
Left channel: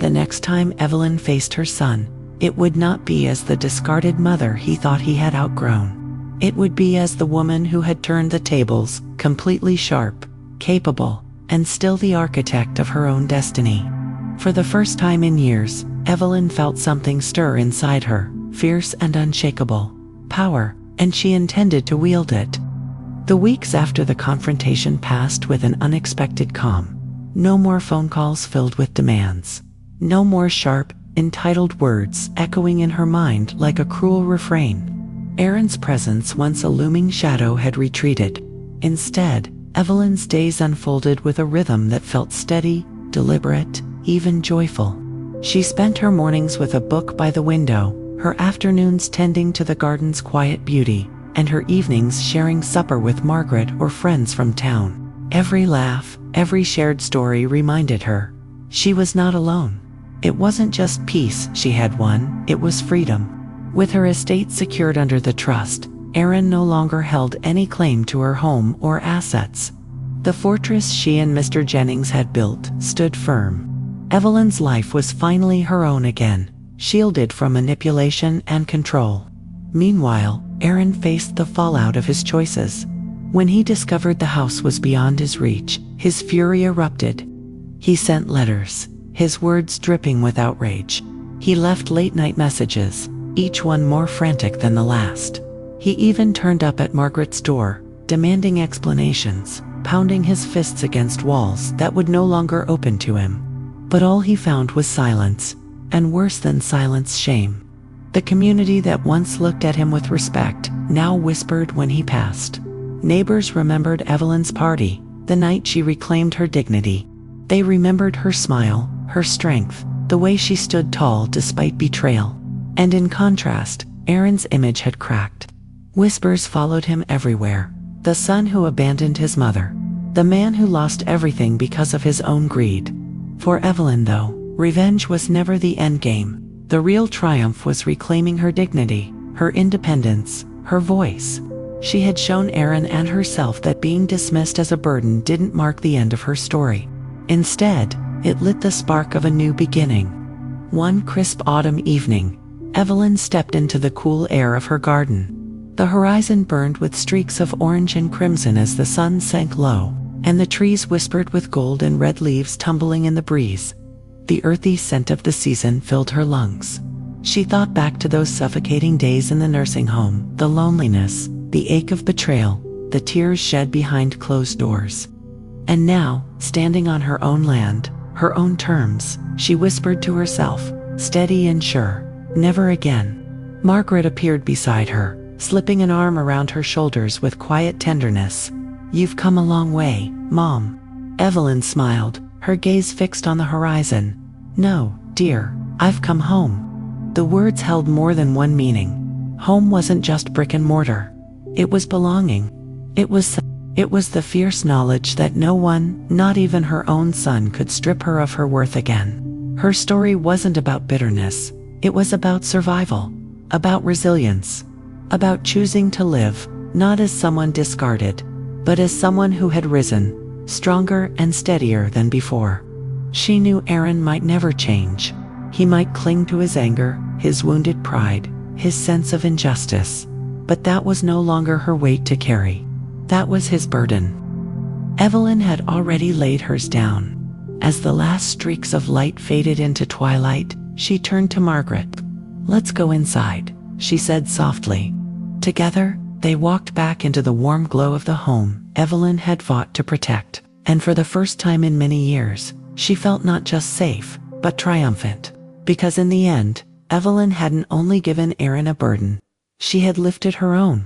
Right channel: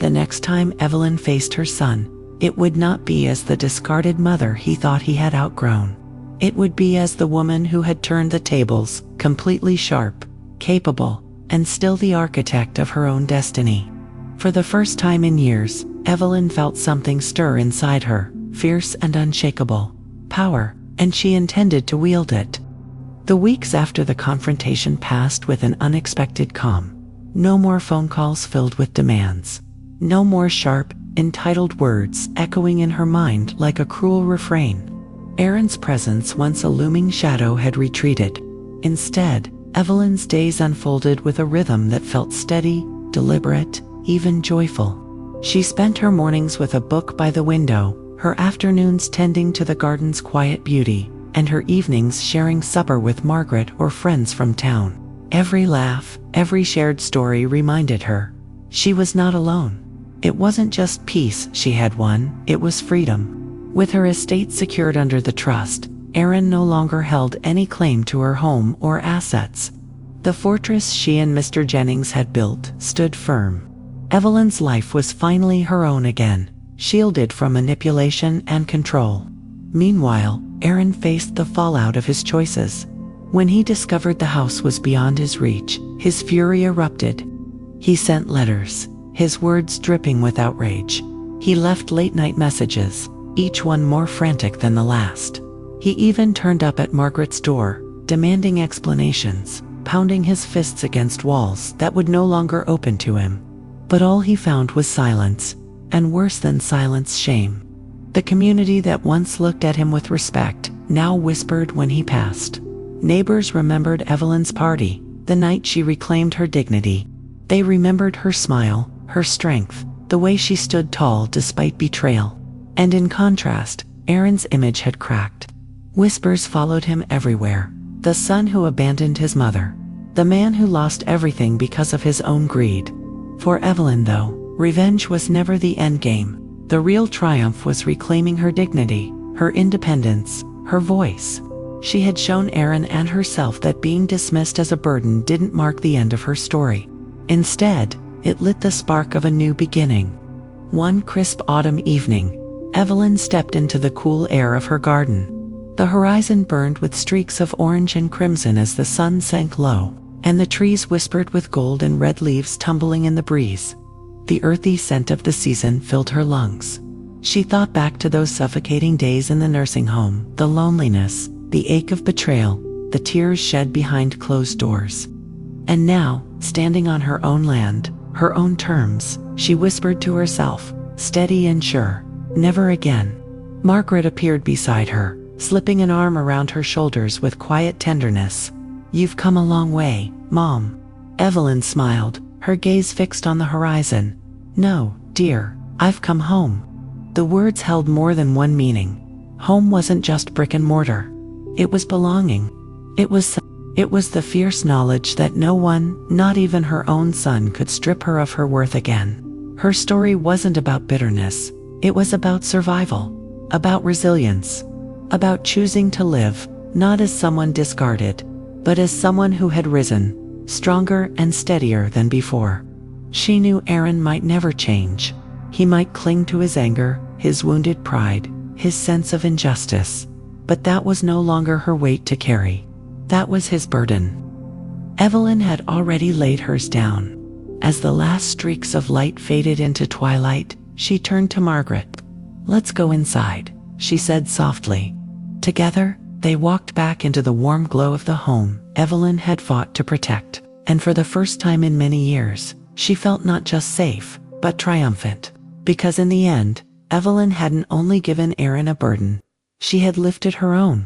The next time Evelyn faced her son, it would not be as the discarded mother he thought he had outgrown. It would be as the woman who had turned the tables, completely sharp, capable, and still the architect of her own destiny. For the first time in years, Evelyn felt something stir inside her, fierce and unshakable. Power, and she intended to wield it. The weeks after the confrontation passed with an unexpected calm. No more phone calls filled with demands. No more sharp, entitled words echoing in her mind like a cruel refrain. Aaron's presence, once a looming shadow, had retreated. Instead, Evelyn's days unfolded with a rhythm that felt steady, deliberate, even joyful. She spent her mornings with a book by the window, her afternoons tending to the garden's quiet beauty, and her evenings sharing supper with Margaret or friends from town. Every laugh, every shared story reminded her she was not alone. It wasn't just peace she had won, it was freedom. With her estate secured under the trust, Aaron no longer held any claim to her home or assets. The fortress she and Mr. Jennings had built stood firm. Evelyn's life was finally her own again, shielded from manipulation and control. Meanwhile, Aaron faced the fallout of his choices. When he discovered the house was beyond his reach, his fury erupted. He sent letters, his words dripping with outrage. He left late-night messages, each one more frantic than the last. He even turned up at Margaret's door, demanding explanations, pounding his fists against walls that would no longer open to him. But all he found was silence, and worse than silence, shame. The community that once looked at him with respect now whispered when he passed. Neighbors remembered Evelyn's party, the night she reclaimed her dignity. They remembered her smile, her strength, the way she stood tall despite betrayal. And in contrast, Aaron's image had cracked. Whispers followed him everywhere. The son who abandoned his mother. The man who lost everything because of his own greed. For Evelyn, though, revenge was never the endgame. The real triumph was reclaiming her dignity, her independence, her voice. She had shown Aaron and herself that being dismissed as a burden didn't mark the end of her story. Instead, it lit the spark of a new beginning. One crisp autumn evening, Evelyn stepped into the cool air of her garden. The horizon burned with streaks of orange and crimson as the sun sank low, and the trees whispered with gold and red leaves tumbling in the breeze. The earthy scent of the season filled her lungs. She thought back to those suffocating days in the nursing home, the loneliness, the ache of betrayal, the tears shed behind closed doors. And now, standing on her own land, her own terms, she whispered to herself, steady and sure, never again. Margaret appeared beside her, slipping an arm around her shoulders with quiet tenderness. "You've come a long way, Mom." Evelyn smiled, her gaze fixed on the horizon. "No, dear, I've come home." The words held more than one meaning. Home wasn't just brick and mortar. It was belonging. It was the fierce knowledge that no one, not even her own son, could strip her of her worth again. Her story wasn't about bitterness. It was about survival, about resilience, about choosing to live, not as someone discarded, but as someone who had risen, stronger and steadier than before. She knew Aaron might never change. He might cling to his anger, his wounded pride, his sense of injustice. But that was no longer her weight to carry. That was his burden. Evelyn had already laid hers down. As the last streaks of light faded into twilight, she turned to Margaret. "Let's go inside," she said softly. Together, they walked back into the warm glow of the home Evelyn had fought to protect. And for the first time in many years, she felt not just safe, but triumphant. Because in the end, Evelyn hadn't only given Aaron a burden, she had lifted her own.